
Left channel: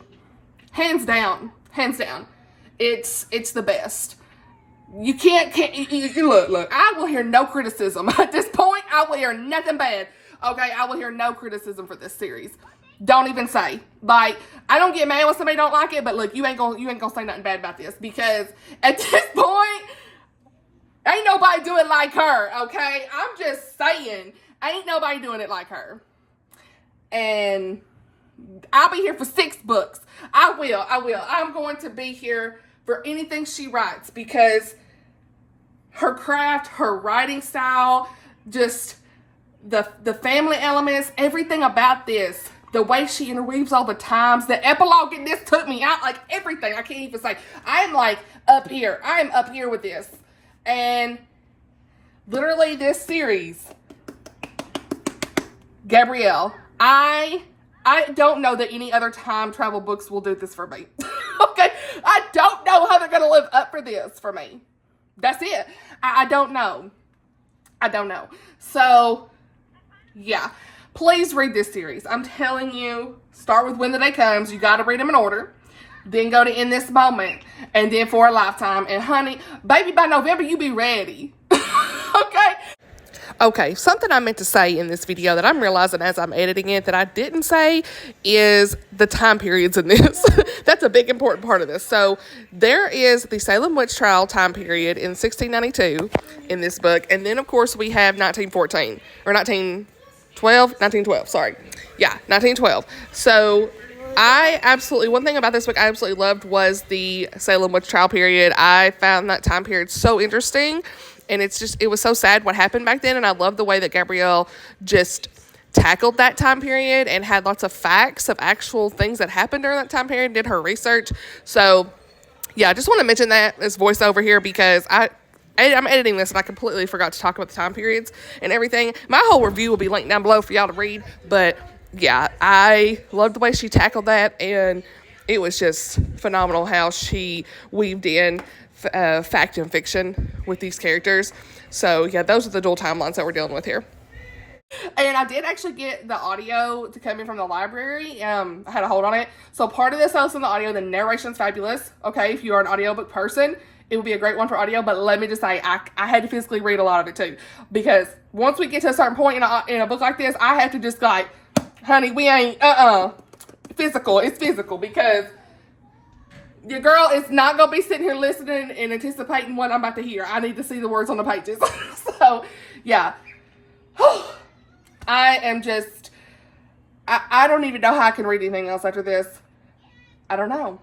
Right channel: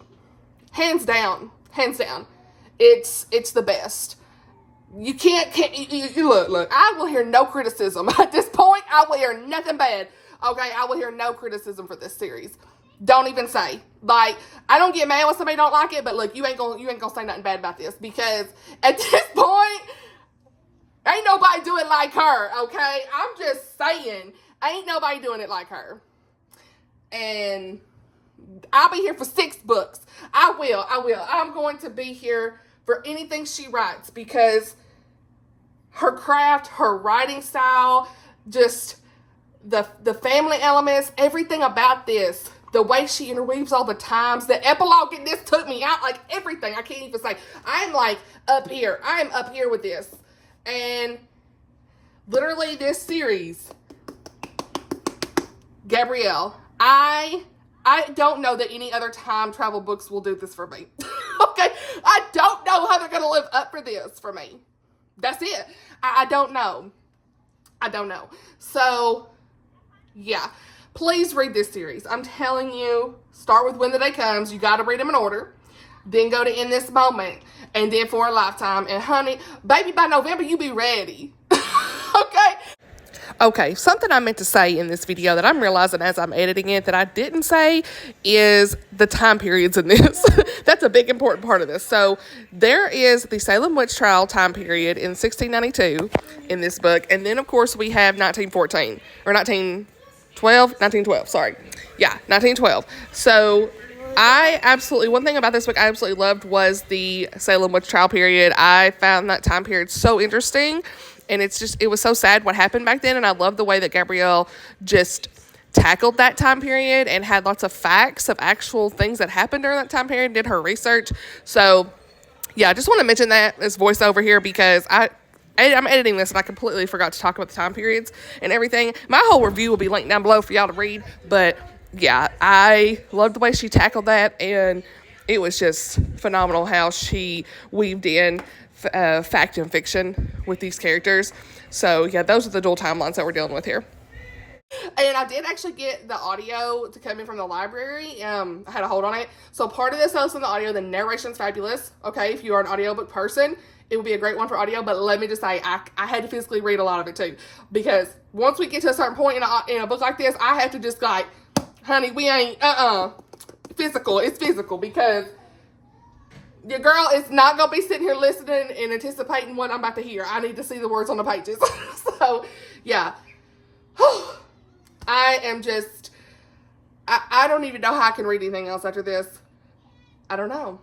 Hands down. It's the best. You can't you look, I will hear no criticism. At this point, I will hear nothing bad. Okay, I will hear no criticism for this series. Don't even say. Like, I don't get mad when somebody don't like it, but look, you ain't gonna say nothing bad about this, because at this point, ain't nobody doing it like her, okay? I'm just saying, ain't nobody doing it like her. And I'll be here for 6 books. I will. I'm going to be here for anything she writes, because her craft, her writing style, just the family elements, everything about this, the way she interweaves all the times, the epilogue in this took me out, like everything. I can't even say. I'm like up here. I am up here with this. And literally this series, Gabrielle, I don't know that any other time travel books will do this for me. Okay? I don't know how they're going to live up for this for me. That's it. I don't know. So, yeah. Please read this series. I'm telling you, start with When the Day Comes. You got to read them in order. Then go to In This Moment. And then For a Lifetime. And honey, baby, by November, you be ready. Okay? Okay, something I meant to say in this video that I'm realizing as I'm editing it that I didn't say is the time periods in this. That's a big important part of this. So there is the Salem witch trial time period in 1692 in this book. And then, of course, we have 1914. Or 1912, sorry. Yeah, 1912. So one thing about this book I absolutely loved was the Salem witch trial period. I found that time period so interesting. And it was so sad what happened back then. And I love the way that Gabrielle just tackled that time period and had lots of facts of actual things that happened during that time period, did her research. So, yeah, I just want to mention that as voiceover here, because I'm editing this and I completely forgot to talk about the time periods and everything. My whole review will be linked down below for y'all to read. But, yeah, I loved the way she tackled that. And it was just phenomenal how she weaved in fact and fiction with these characters. So yeah, those are the dual timelines that we're dealing with here. And I did actually get the audio to come in from the library. I had a hold on it. So part of this I was in the audio. The narration's fabulous. Okay, if you are an audiobook person, it would be a great one for audio. But let me just say, I had to physically read a lot of it too, because once we get to a certain point in a book like this, I have to just like, honey, we ain't, physical. It's physical, because your girl is not going to be sitting here listening and anticipating what I'm about to hear. I need to see the words on the pages. So, yeah. I am just, I don't even know how I can read anything else after this. I don't know.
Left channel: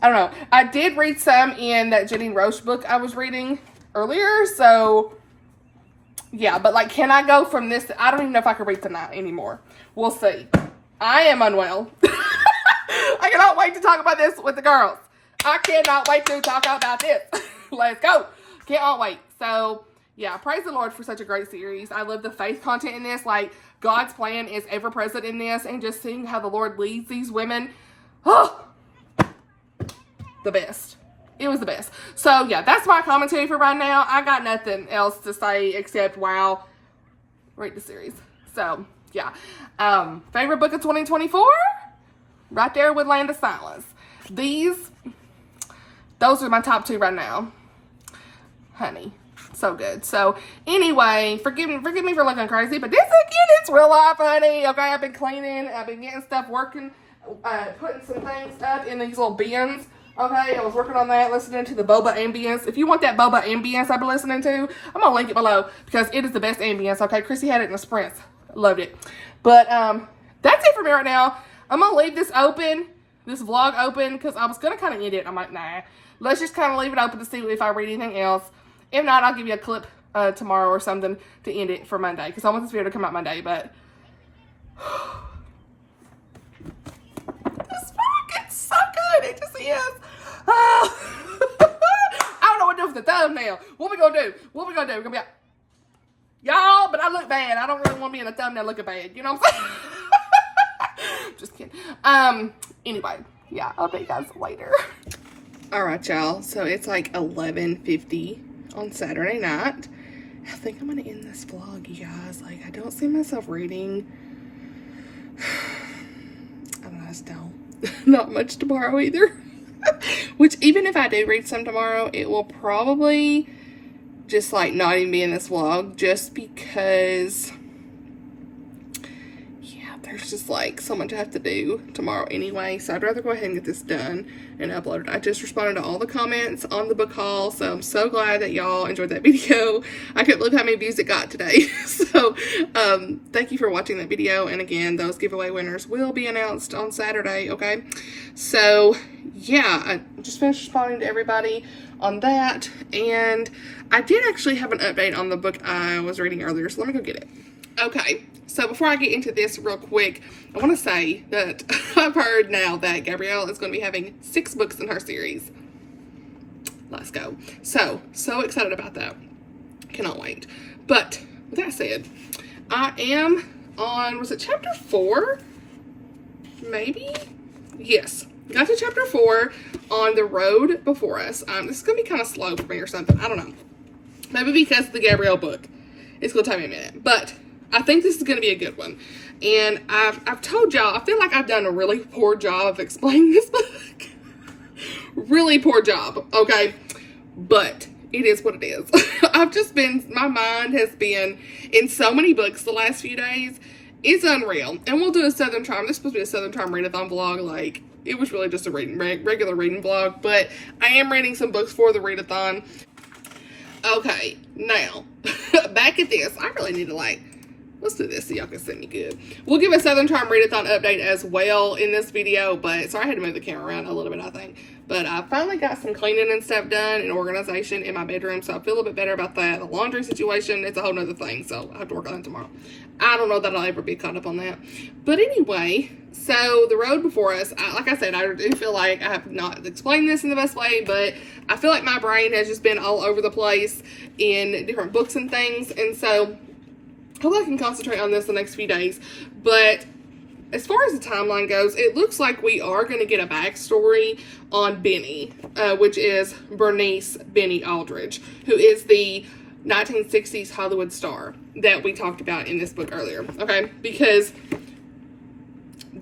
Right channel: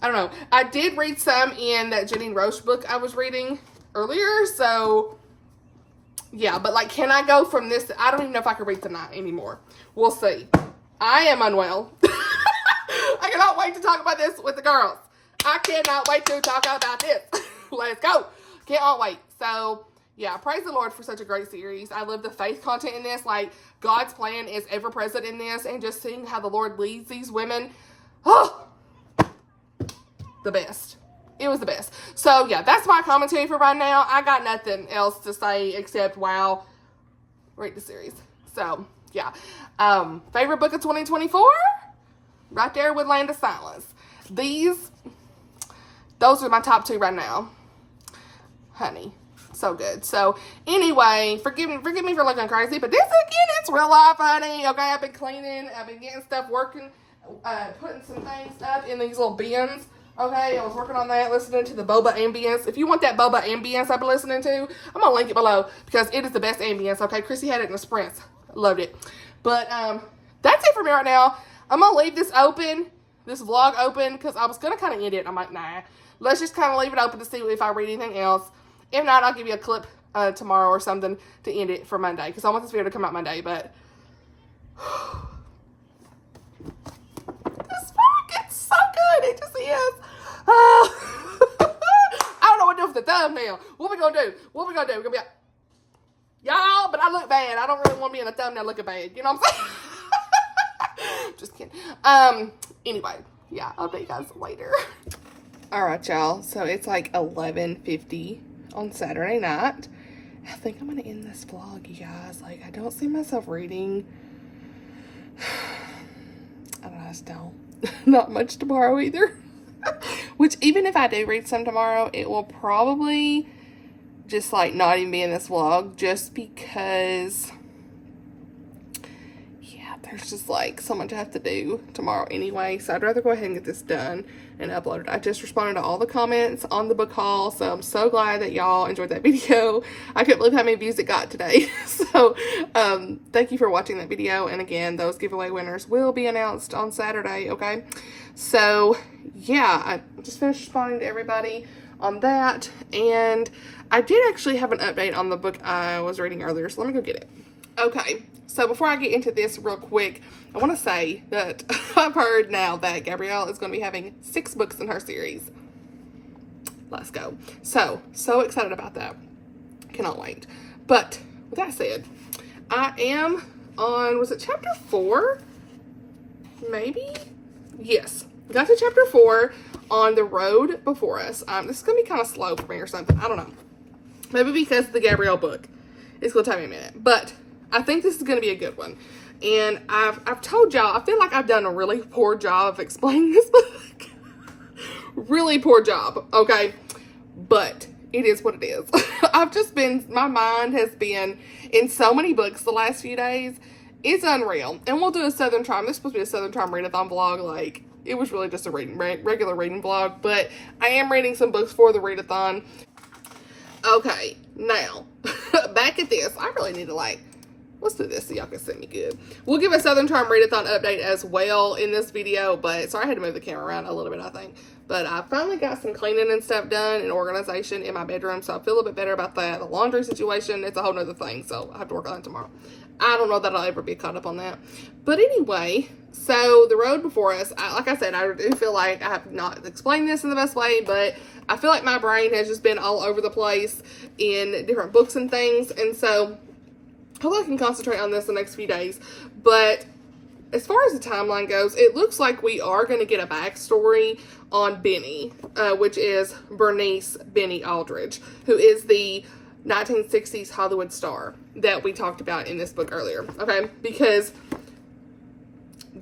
I did read some in that Janine Rosche book I was reading earlier. So, yeah. But, like, can I go from this? I don't even know if I can read tonight anymore. We'll see. I am unwell. I cannot wait to talk about this with the girls. I cannot wait to talk about this. Let's go. Can't wait. So, yeah, praise the Lord for such a great series. I love the faith content in this. Like, God's plan is ever present in this. And just seeing how the Lord leads these women. Oh, the best. It was the best. So, yeah, that's my commentary for right now. I got nothing else to say except, wow, read the series. So, yeah. Favorite book of 2024? Right there with Land of Silence. Those are my top 2 right now. Honey, so good. So, anyway, forgive me for looking crazy, but this again, it's real life, honey. Okay, I've been cleaning, I've been getting stuff working, putting some things up in these little bins. Okay, I was working on that, listening to the boba ambience. If you want that boba ambience I've been listening to, I'm gonna link it below, because it is the best ambience. Okay, Chrissy had it in the sprints. Loved it. But, that's it for me right now. I'm going to leave this open, this vlog open, because I was going to kind of end it. I'm like, nah. Let's just kind of leave it open to see if I read anything else. If not, I'll give you a clip tomorrow or something to end it for Monday, because I want this video to come out Monday, but this vlog is so good. It just is. I don't know what to do with the thumbnail. What we going to do? We're going to be like, y'all, but I look bad. I don't really want to be in a thumbnail looking bad. You know what I'm saying? Just kidding. Anyway, yeah, I'll see you guys later. All right, y'all. So it's like 11:50 on Saturday night. I think I'm gonna end this vlog, you guys. Like, I don't see myself reading. I don't know. I just don't. Not much tomorrow either. Which, even if I do read some tomorrow, it will probably just like not even be in this vlog, just because there's just like so much I have to do tomorrow anyway, so I'd rather go ahead and get this done and upload it. I just responded to all the comments on the book haul, so I'm so glad that y'all enjoyed that video. I couldn't believe how many views it got today. So thank you for watching that video, and again, those giveaway winners will be announced on Saturday. Okay, so yeah, I just finished responding to everybody on that, and I did actually have an update on the book I was reading earlier, so let me go get it. Okay, so before I get into this real quick, I want to say that I've heard now that Gabrielle is going to be having 6 books in her series. Let's go. So excited about that. Cannot wait. But with that said, I am on, was it chapter 4? Maybe? Yes. Got to chapter 4 on the road before us. This is going to be kind of slow for me or something. I don't know. Maybe because of the Gabrielle book. It's going to take me a minute. But I think this is going to be a good one. And I've told y'all, I feel like I've done a really poor job of explaining this book. Really poor job, okay? But it is what it is. My mind has been in so many books the last few days. It's unreal. And we'll do a Southern Charm. This is supposed to be a Southern Charm Readathon vlog. Like, it was really just a regular reading vlog. But I am reading some books for the readathon. Okay, now, back at this. I really need to, like, let's do this so y'all can see me good. We'll give a Southern Charm Readathon update as well in this video, but sorry I had to move the camera around a little bit, I think. But I finally got some cleaning and stuff done and organization in my bedroom, so I feel a little bit better about that. The laundry situation, it's a whole nother thing, so I have to work on it tomorrow. I don't know that I'll ever be caught up on that. But anyway, so the road before us, like I said, I do feel like I have not explained this in the best way, but I feel like my brain has just been all over the place in different books and things, and so hopefully I can concentrate on this the next few days. But as far as the timeline goes, it looks like we are going to get a backstory on Benny, which is Bernice Benny Aldridge, who is the 1960s Hollywood star that we talked about in this book earlier, okay? Because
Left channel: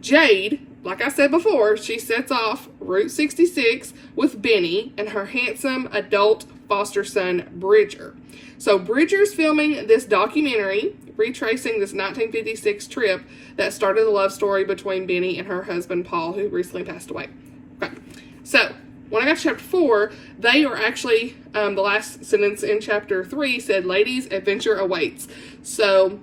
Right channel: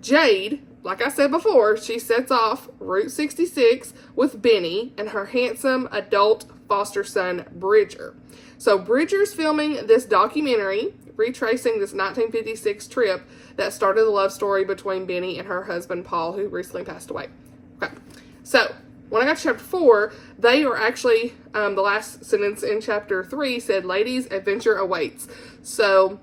Jade like I said before, she sets off Route 66 with Benny and her handsome adult foster son, Bridger. So Bridger's filming this documentary retracing this 1956 trip that started the love story between Benny and her husband, Paul, who recently passed away. Okay, so when I got to chapter 4, they are actually, the last sentence in chapter 3 said, ladies, adventure awaits. So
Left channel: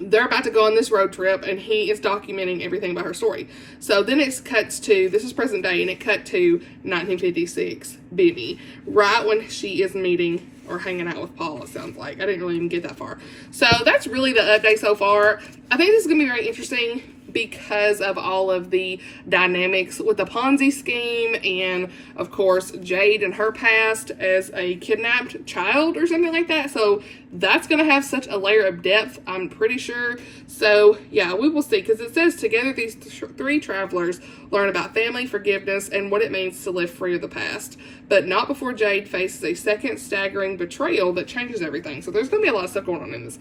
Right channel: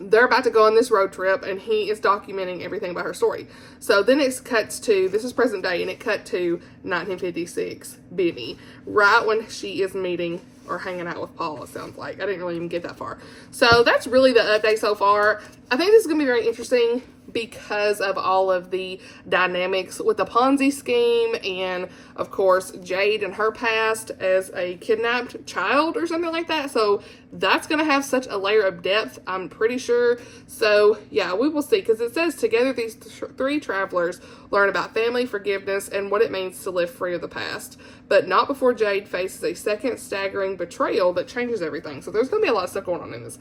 they're about to go on this road trip, and he is documenting everything about her story. So then it cuts to, this is present day, and it cut to 1956, Benny, right when she is meeting or hanging out with Paul, it sounds like. I didn't really even get that far. So that's really the update so far. I think this is going to be very interesting because of all of the dynamics with the Ponzi scheme and, of course, Jade and her past as a kidnapped child or something like that. So that's going to have such a layer of depth, I'm pretty sure. So, yeah, we will see, because it says together these three travelers learn about family, forgiveness, and what it means to live free of the past. But not before Jade faces a second staggering betrayal that changes everything. So there's going to be a lot of stuff going on in this.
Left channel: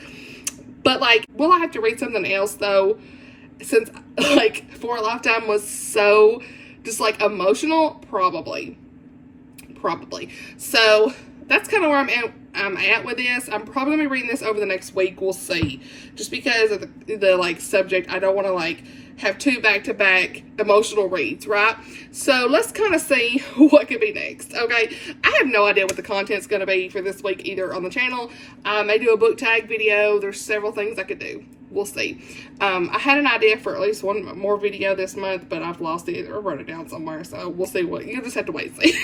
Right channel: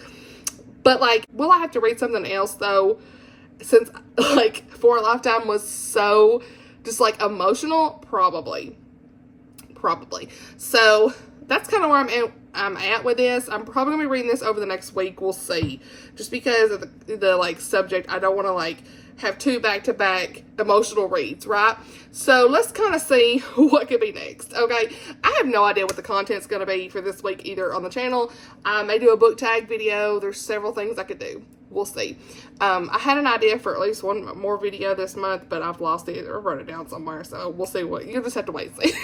But, like, will I have to read something else, though? Since, like, For a Lifetime was so just, like, emotional? Probably. So that's kind of where I'm at with this. I'm probably going to be reading this over the next week. We'll see. Just because of the like, subject, I don't want to, like, have two back-to-back emotional reads, right? So let's kind of see what could be next, okay? I have no idea what the content's going to be for this week either on the channel. I may do a book tag video. There's several things I could do. We'll see. I had an idea for at least one more video this month, but I've lost it or wrote it down somewhere, so we'll see what. You'll just have to wait and see.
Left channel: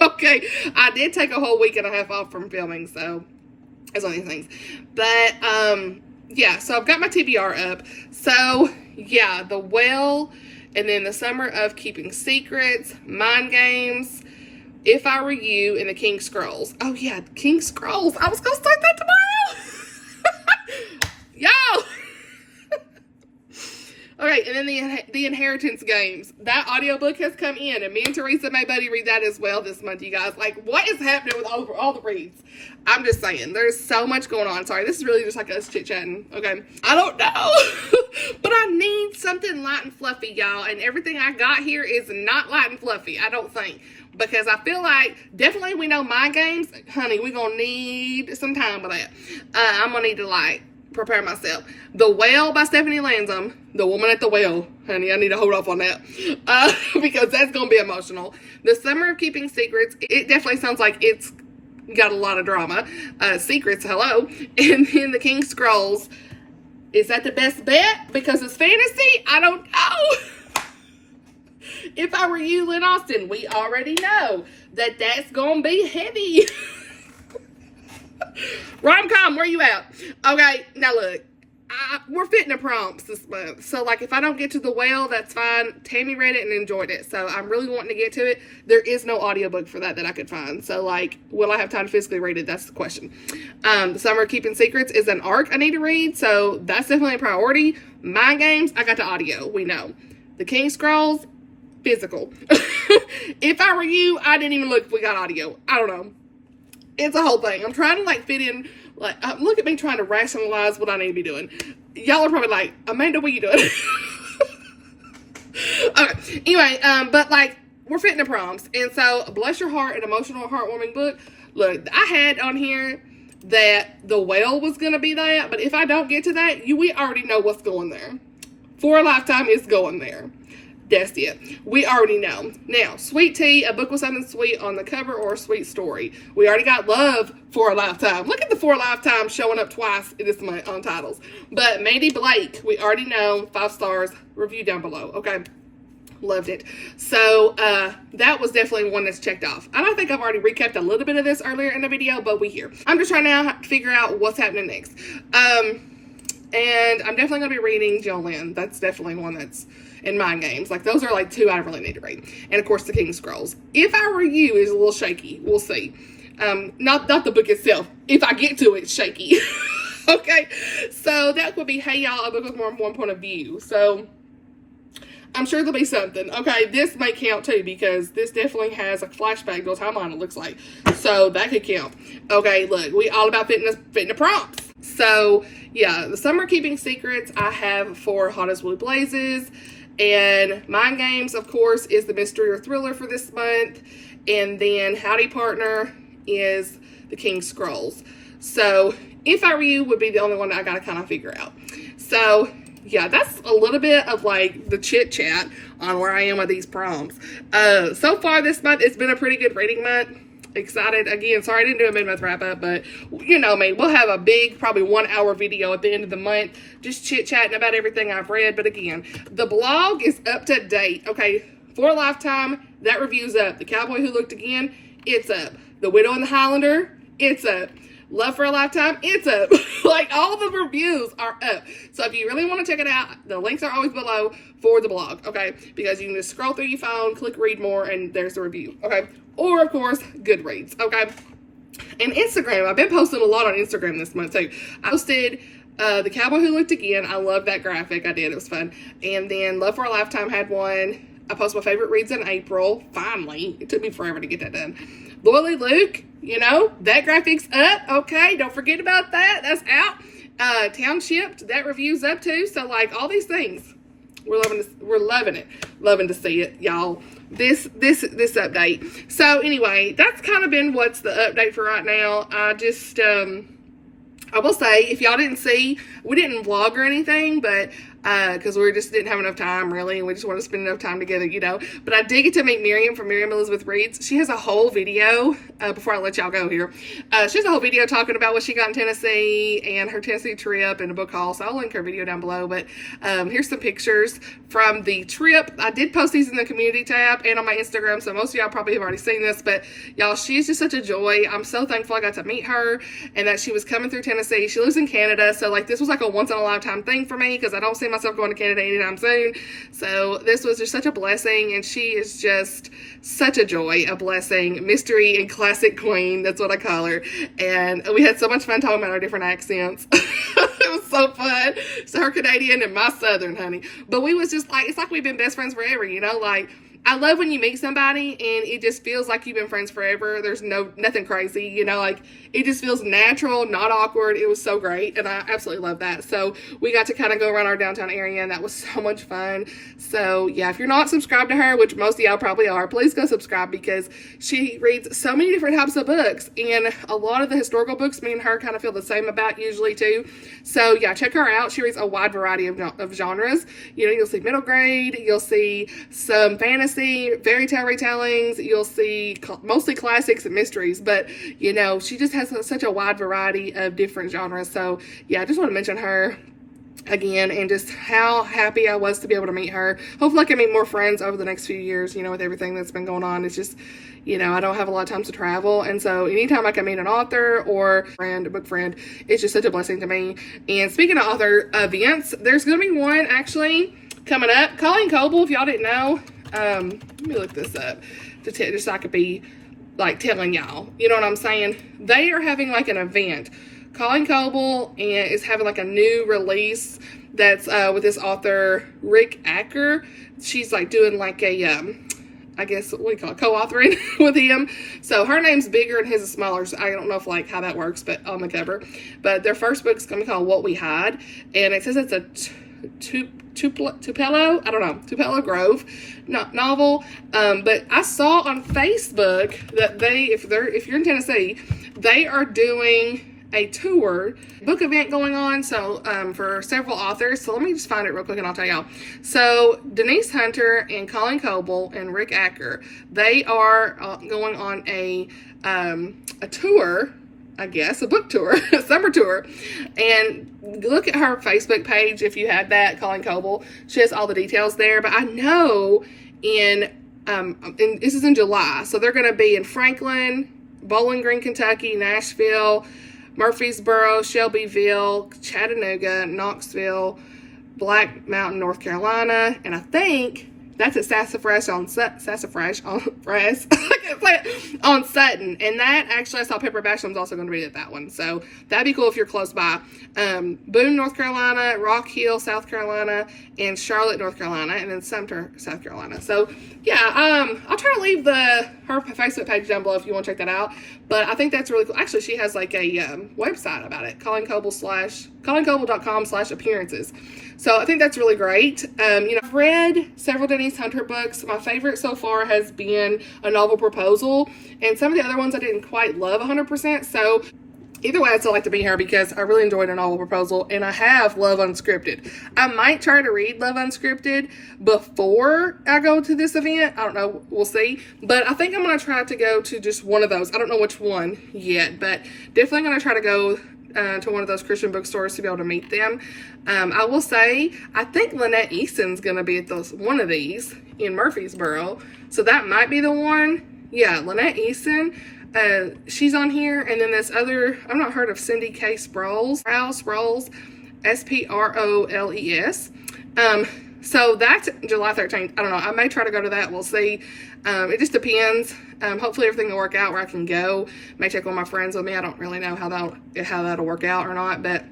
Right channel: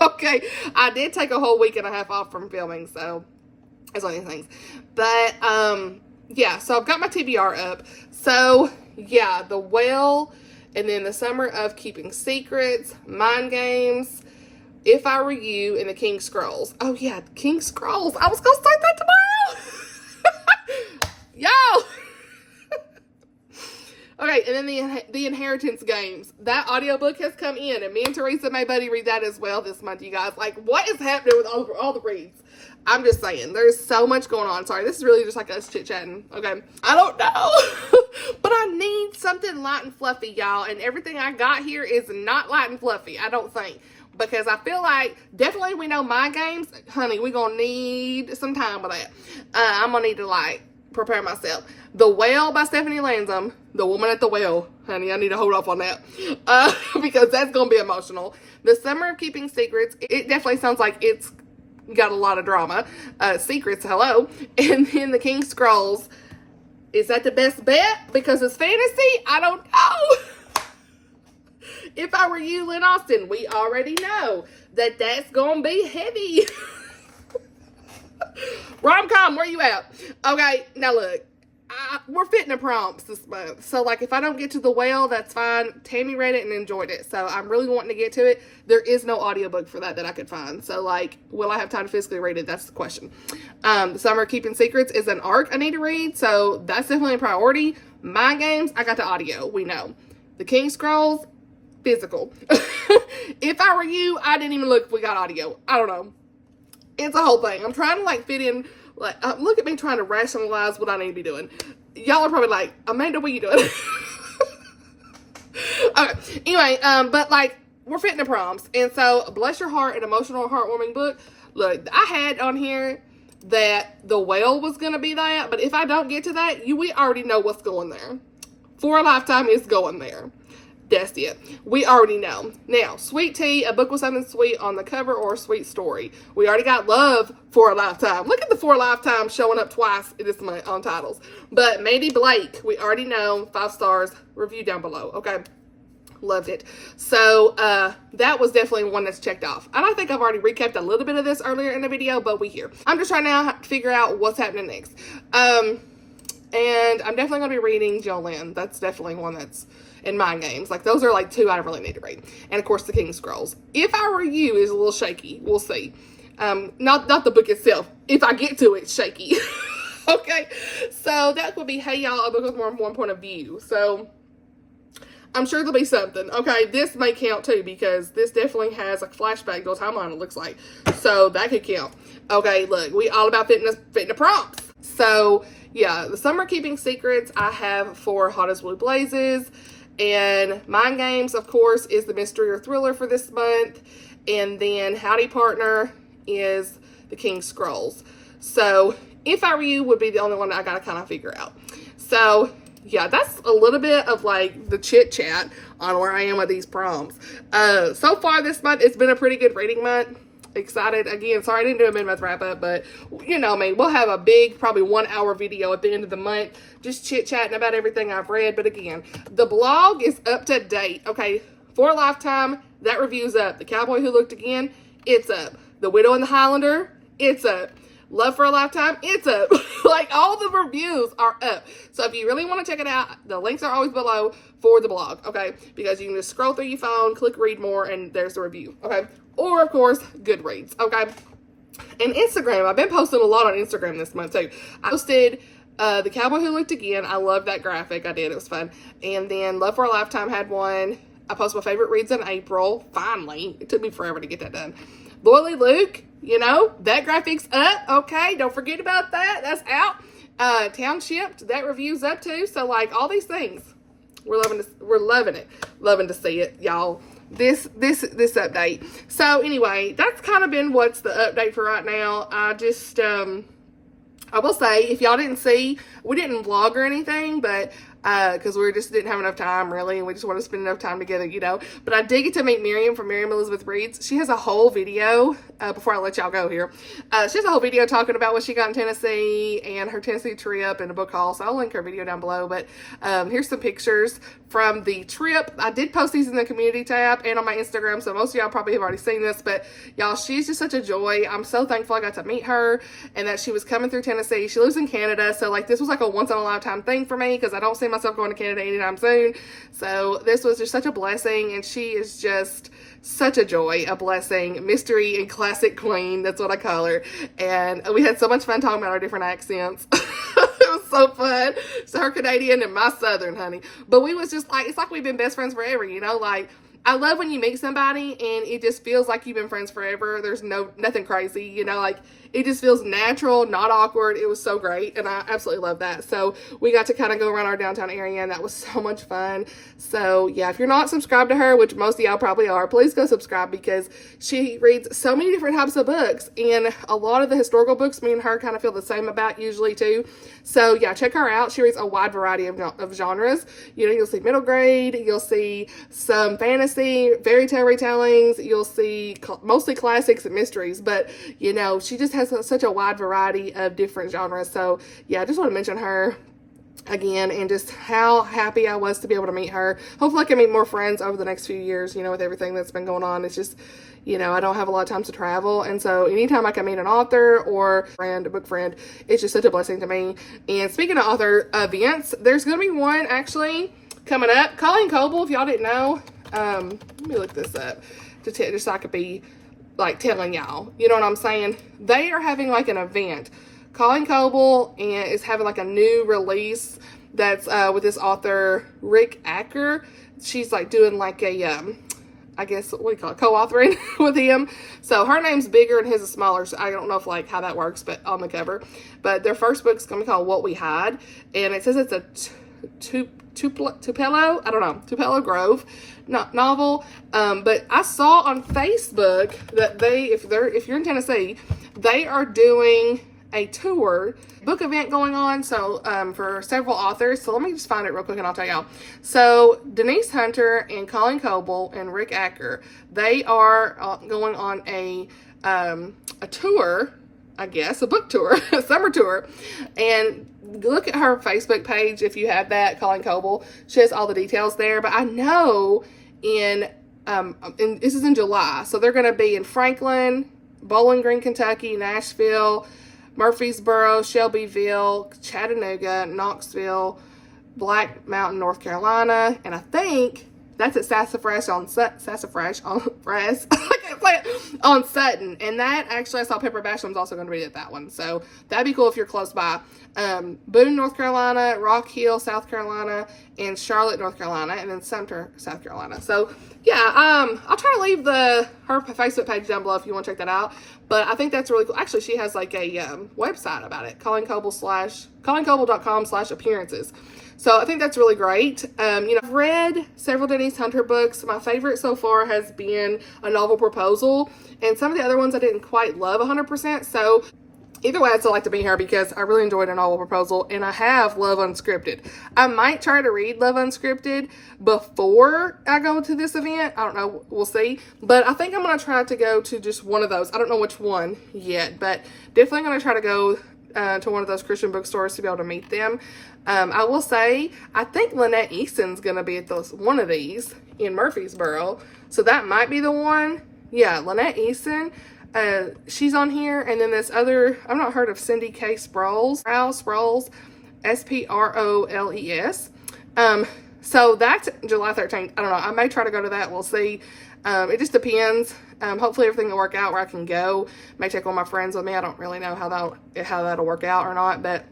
Okay, I did take a whole week and a half off from filming, so that's one of these things. But, yeah, so I've got my TBR up. So, yeah, The Whale, and then The Summer of Keeping Secrets, Mind Games, If I Were You, and The King Scrolls. Oh, yeah, King Scrolls. I was going to start that tomorrow. Y'all. Okay, and then the Inheritance Games. That audiobook has come in, and me and Teresa made Buddy read that as well this month, you guys. Like, what is happening with all the reads? I'm just saying, there's so much going on. Sorry, this is really just like us chit-chatting, okay? I don't know, but I need something light and fluffy, y'all, and everything I got here is not light and fluffy, I don't think. Because I feel like, definitely we know Mind Games. Honey, we're going to need some time with that. I'm going to need to, like, prepare myself. The Whale by Stephanie Lansom, The Woman at the Whale. Honey, I need to hold off on that. Because that's going to be emotional. The Summer of Keeping Secrets, it definitely sounds like it's got a lot of drama. Secrets, hello. And then The King Scrolls, is that the best bet? Because it's fantasy? I don't know. If I Were You, Lynn Austin, we already know that that's going to be heavy. Rom-com, where you at? Okay, now look, we're fitting the prompts this month. So, like, if I don't get to The Whale, that's fine. Tammy read it and enjoyed it. So, I'm really wanting to get to it. There is no audiobook for that I could find. So, like, will I have time to physically read it? That's the question. The Summer of Keeping Secrets is an arc I need to read. So, that's definitely a priority. Mind Games, I got the audio. We know. The King Scrolls, physical. If I Were You, I didn't even look if we got audio. I don't know. It's a whole thing. I'm trying to, like, fit in, like, look at me trying to rationalize what I need to be doing. Y'all are probably like, Amanda, what are you doing? Okay, anyway, but, like, we're fitting the prompts. And so, Bless Your Heart, an emotional, heartwarming book. Look, I had on here that The Whale was going to be that, but if I don't get to that, we already know what's going there. For a Lifetime is going there. That's it. We already know. Now, Sweet Tea, a book with something sweet on the cover or a sweet story. We already got Love for a Lifetime. Look at the For a Lifetime showing up twice this month on titles. But Mandy Blake, we already know, 5 stars, review down below. Okay. Loved it. So, that was definitely one that's checked off. And I think I've already recapped a little bit of this earlier in the video, but we here. I'm just trying to figure out what's happening next. And I'm definitely going to be reading Jolene. That's definitely one that's in Mind Games. Like, those are, like, 2 I really need to read. And, of course, The King Scrolls. If I Were You is a little shaky. We'll see. Not the book itself. If I get to it, shaky. Okay? So, that would be Hey Y'all, a book with more than one point of view. So, I'm sure there'll be something. Okay, this may count, too, because this definitely has a flashback to a timeline, it looks like. So, that could count. Okay, look, we all about fitting the prompts. So, yeah, The Summer Keeping Secrets, I have for Hot as Blue Blazes. And Mind Games, of course, is the mystery or thriller for this month. And then Howdy Partner is the King's Scrolls. So If I Were You would be the only one that I gotta kind of figure out. So yeah, that's a little bit of like the chit chat on where I am with these prompts. So far this month, it's been a pretty good reading month. Excited again. Sorry I didn't do a mid-month wrap-up, but you know me, we'll have a big, probably 1 hour video at the end of the month, just chit-chatting about everything I've read. But again, the blog is up to date. Okay, For a Lifetime, that review's up. The Cowboy Who Looked Again, it's up. The Widow and the Highlander, it's up. Love for a Lifetime, it's up. Like, all the reviews are up. So if you really want to check it out, the links are always below for the blog, okay? Because you can just scroll through your phone, click read more, and there's the review, okay? Or, of course, Goodreads, okay? And Instagram, I've been posting a lot on Instagram this month, too. I posted The Cowboy Who Looked Again. I love that graphic. I did. It was fun. And then Love for a Lifetime had one. I posted my favorite reads in April. Finally. It took me forever to get that done. Loyally Luke, you know, that graphic's up, okay? Don't forget about that. That's out. Townshipped, that review's up, too. So, like, all these things, we're loving it. Loving to see it, y'all. This update. So anyway, that's kind of been what's the update for right now. I just I will say, if y'all didn't see, we didn't vlog or anything, but because we just didn't have enough time, really, and we just want to spend enough time together, you know. But I did get to meet Miriam from Miriam Elizabeth Reads. She has a whole video, before I let y'all go here, she has a whole video talking about what she got in Tennessee and her Tennessee trip and a book haul, so I'll link her video down below. But here's some pictures from the trip. I did post these in the community tab and on my Instagram, so most of y'all probably have already seen this, but y'all, she's just such a joy. I'm so thankful I got to meet her and that she was coming through Tennessee. She lives in Canada, so like this was like a once-in-a-lifetime thing for me because I don't see myself going to Canada anytime soon. So this was just such a blessing, and she is just such a joy, a blessing, mystery and classic queen. That's what I call her. And we had so much fun talking about our different accents. It was so fun. So her Canadian and my Southern, honey. But we was just like, it's like we've been best friends forever, you know, like I love when you meet somebody and it just feels like you've been friends forever. There's nothing crazy, you know, like it just feels natural, not awkward. It was so great, and I absolutely love that. So we got to kind of go around our downtown area, and that was so much fun. So yeah, if you're not subscribed to her, which most of y'all probably are, please go subscribe because she reads so many different types of books, and a lot of the historical books me and her kind of feel the same about usually too. So yeah, check her out. She reads a wide variety of genres. You know, you'll see middle grade, you'll see some fantasy, fairy tale retellings, you'll see mostly classics and mysteries, but you know, she just has such a wide variety of different genres. So yeah, I just want to mention her again and just how happy I was to be able to meet her. Hopefully I can meet more friends over the next few years, you know, with everything that's been going on. It's just, you know, I don't have a lot of time to travel, and so anytime I can meet an author or a book friend, it's just such a blessing to me. And speaking of author events, there's going to be one actually coming up. Colleen Coble, if y'all didn't know, let me look this up just so I could be like telling y'all, you know what I'm saying? They are having like an event. Colleen Coble is having like a new release that's with this author Rick Acker. She's like doing like a I guess what do you call it, co-authoring with him. So her name's bigger and his is smaller, so I don't know if like how that works, but on the cover. But their first book's gonna be called What We Hide, and it says it's a Tupelo Grove novel. But I saw on Facebook that if you're in Tennessee, they are doing a tour book event going on, so for several authors. So let me just find it real quick and I'll tell y'all. So Denise Hunter and Colleen Coble and Rick Acker, they are going on a tour, I guess, a book tour, a summer tour. And look at her Facebook page if you had that, Colleen Coble. She has all the details there. But I know this is in July, so they're going to be in Franklin, Bowling Green, Kentucky, Nashville, Murfreesboro, Shelbyville, Chattanooga, Knoxville, Black Mountain, North Carolina, and I think that's at Sassafras on Sutton. And that actually, I saw Pepper Basham's also going to be at that one. So that'd be cool if you're close by. Boone, North Carolina, Rock Hill, South Carolina, and Charlotte, North Carolina, and then Sumter, South Carolina. So yeah, I'll try to leave her Facebook page down below if you want to check that out. But I think that's really cool. Actually, she has like a website about it, ColleenCoble.com/appearances. So I think that's really great. I've read several Denise Hunter books. My favorite so far has been A Novel Proposal, and some of the other ones I didn't quite love 100%. So either way, I'd still like to be here because I really enjoyed A Novel Proposal, and I have Love Unscripted. I might try to read Love Unscripted before I go to this event. I don't know. We'll see. But I think I'm going to try to go to just one of those. I don't know which one yet, but definitely going to try to go to one of those Christian bookstores to be able to meet them. I will say, I think Lynette Easton's going to be at one of these in Murfreesboro. So that might be the one. Yeah, Lynette Easton. She's on here, and then this other, I've not heard of Cindy K. Sproles, Sproles, S-P-R-O-L-E-S. So that's July 13th. I don't know. I may try to go to that. We'll see. It just depends. Hopefully everything will work out where I can go. May take one of my friends with me. I don't really know how that'll work out or not, but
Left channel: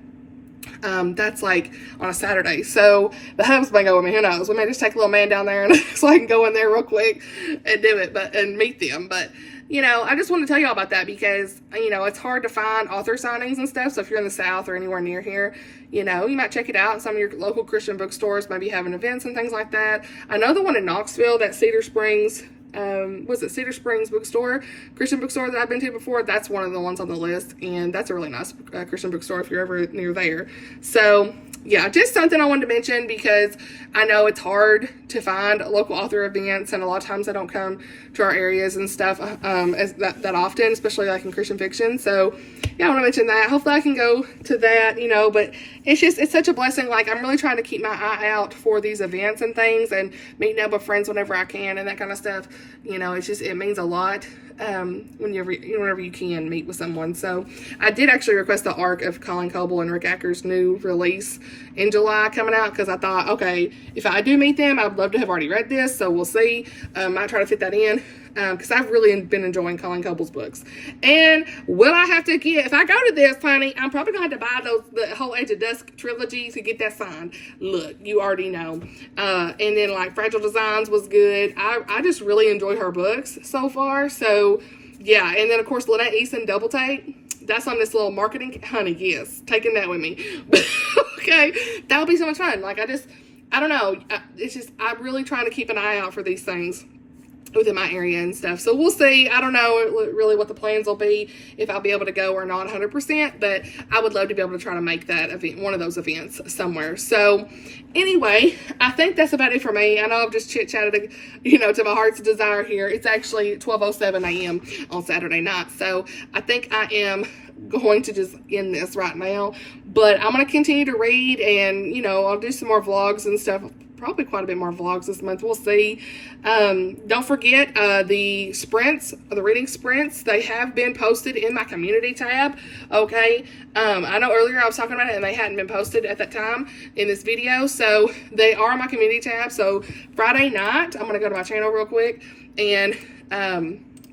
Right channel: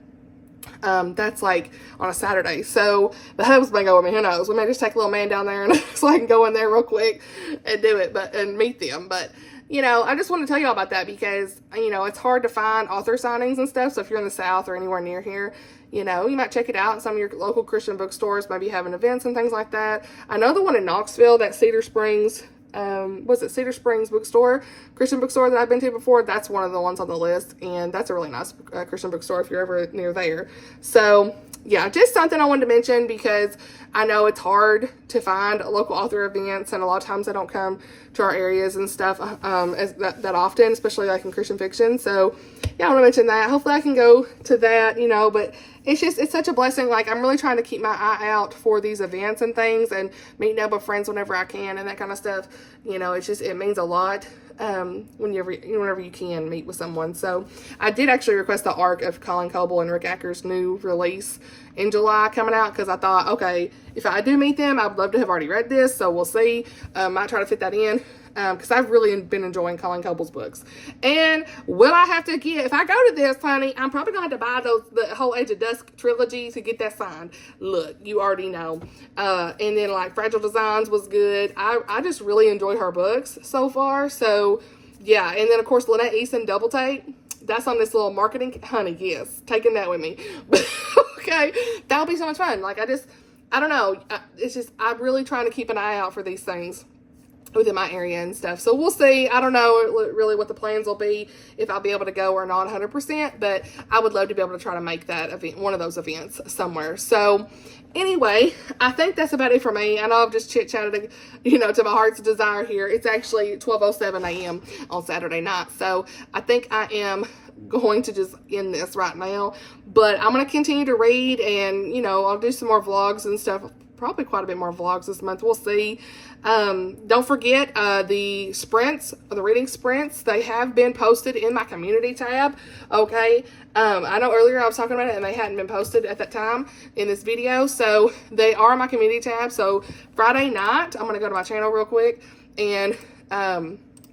that's like on a Saturday. So the hubs may go with me. Who knows? We may just take a little man down there and so I can go in there real quick and do it, and meet them. But I just want to tell y'all about that because, it's hard to find author signings and stuff. So if you're in the South or anywhere near here, you might check it out. Some of your local Christian bookstores might be having events and things like that. I know the one in Knoxville, that Cedar Springs, Cedar Springs bookstore, Christian bookstore that I've been to before, that's one of the ones on the list, and that's a really nice Christian bookstore if you're ever near there. So yeah, just something I wanted to mention because I know it's hard to find local author events, and a lot of times they don't come to our areas and stuff as that often, especially like in Christian fiction. So yeah, I want to mention that. Hopefully I can go to that, but it's such a blessing. Like, I'm really trying to keep my eye out for these events and things and meeting up with friends whenever I can and that kind of stuff. It means a lot whenever you can meet with someone. So I did actually request the arc of Colleen Coble and Rick Acker's new release in July coming out because I thought, okay, if I do meet them, I'd love to have already read this. So we'll see. Might try to fit that in. Because I've really been enjoying Colleen Coble's books. And will I have to if I go to this, honey, I'm probably going to have to buy the whole Age of Dusk trilogy to get that signed. Look, you already know. And then like Fragile Designs was good. I just really enjoy her books so far. So yeah, and then of course Lynette Easton Double Take. That's on this little marketing, honey, yes, taking that with me. But okay, that would be so much fun. Like I don't know. I'm really trying to keep an eye out for these things within my area and stuff. So we'll see. I don't know really what the plans will be, if I'll be able to go or not 100%, but I would love to be able to try to make that event, one of those events somewhere. So anyway, I think that's about it for me. I know I've just chit-chatted, to my heart's desire here. It's actually 12:07 a.m. on Saturday night. So I think I am going to just end this right now, but I'm going to continue to read, and I'll do some more vlogs and stuff, probably quite a bit more vlogs this month. We'll see. Don't forget the sprints, the reading sprints, they have been posted in my community tab. Okay. I know earlier I was talking about it and they hadn't been posted at that time in this video. So they are in my community tab. So Friday night, I'm going to go to my channel real quick and,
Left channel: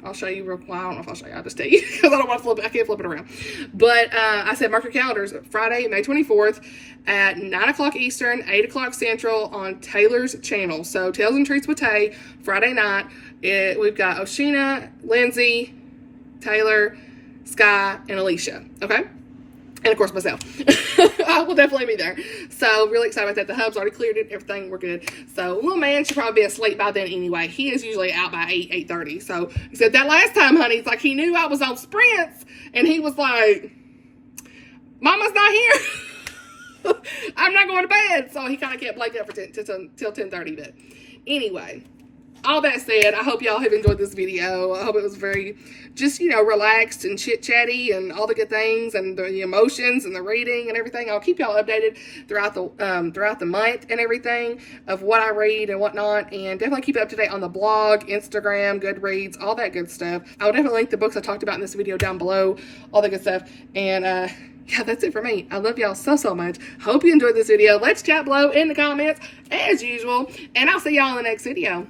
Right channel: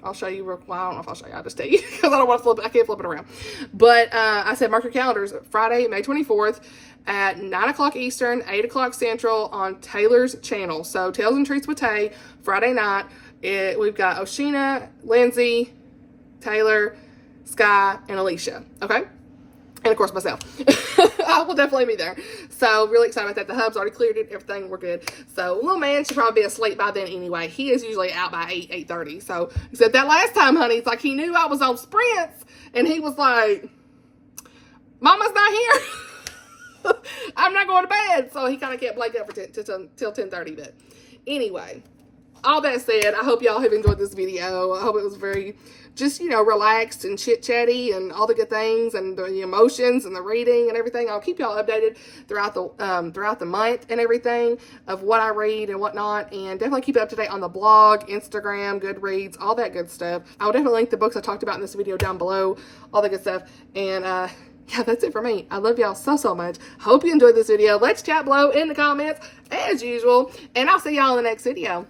I'll show you real, well, I don't know if I'll show you, I'll just tell you because I don't want to I can't flip it around. But I said mark your calendars, Friday, May 24th at 9 o'clock Eastern, 8 o'clock Central on Taylor's channel. So Tales and Treats with Tay, Friday night. We've got Oshina, Lindsay, Taylor, Sky, and Alicia. Okay? And of course myself. I will definitely be there. So really excited about that. The hub's already cleared it. Everything, we're good. So little man should probably be asleep by then anyway. He is usually out by 8:30. So he said that last time, honey, it's like he knew I was on sprints and he was like, Mama's not here. I'm not going to bed. So he kind of kept Blake up for till 10:30. But anyway, all that said, I hope y'all have enjoyed this video. I hope it was very just, relaxed and chit-chatty and all the good things and the emotions and the reading and everything. I'll keep y'all updated throughout the month and everything of what I read and whatnot. And definitely keep up to date on the blog, Instagram, Goodreads, all that good stuff. I'll definitely link the books I talked about in this video down below, all the good stuff. And, yeah, that's it for me. I love y'all so much. Hope you enjoyed this video. Let's chat below in the comments as usual. And I'll see y'all in the next video.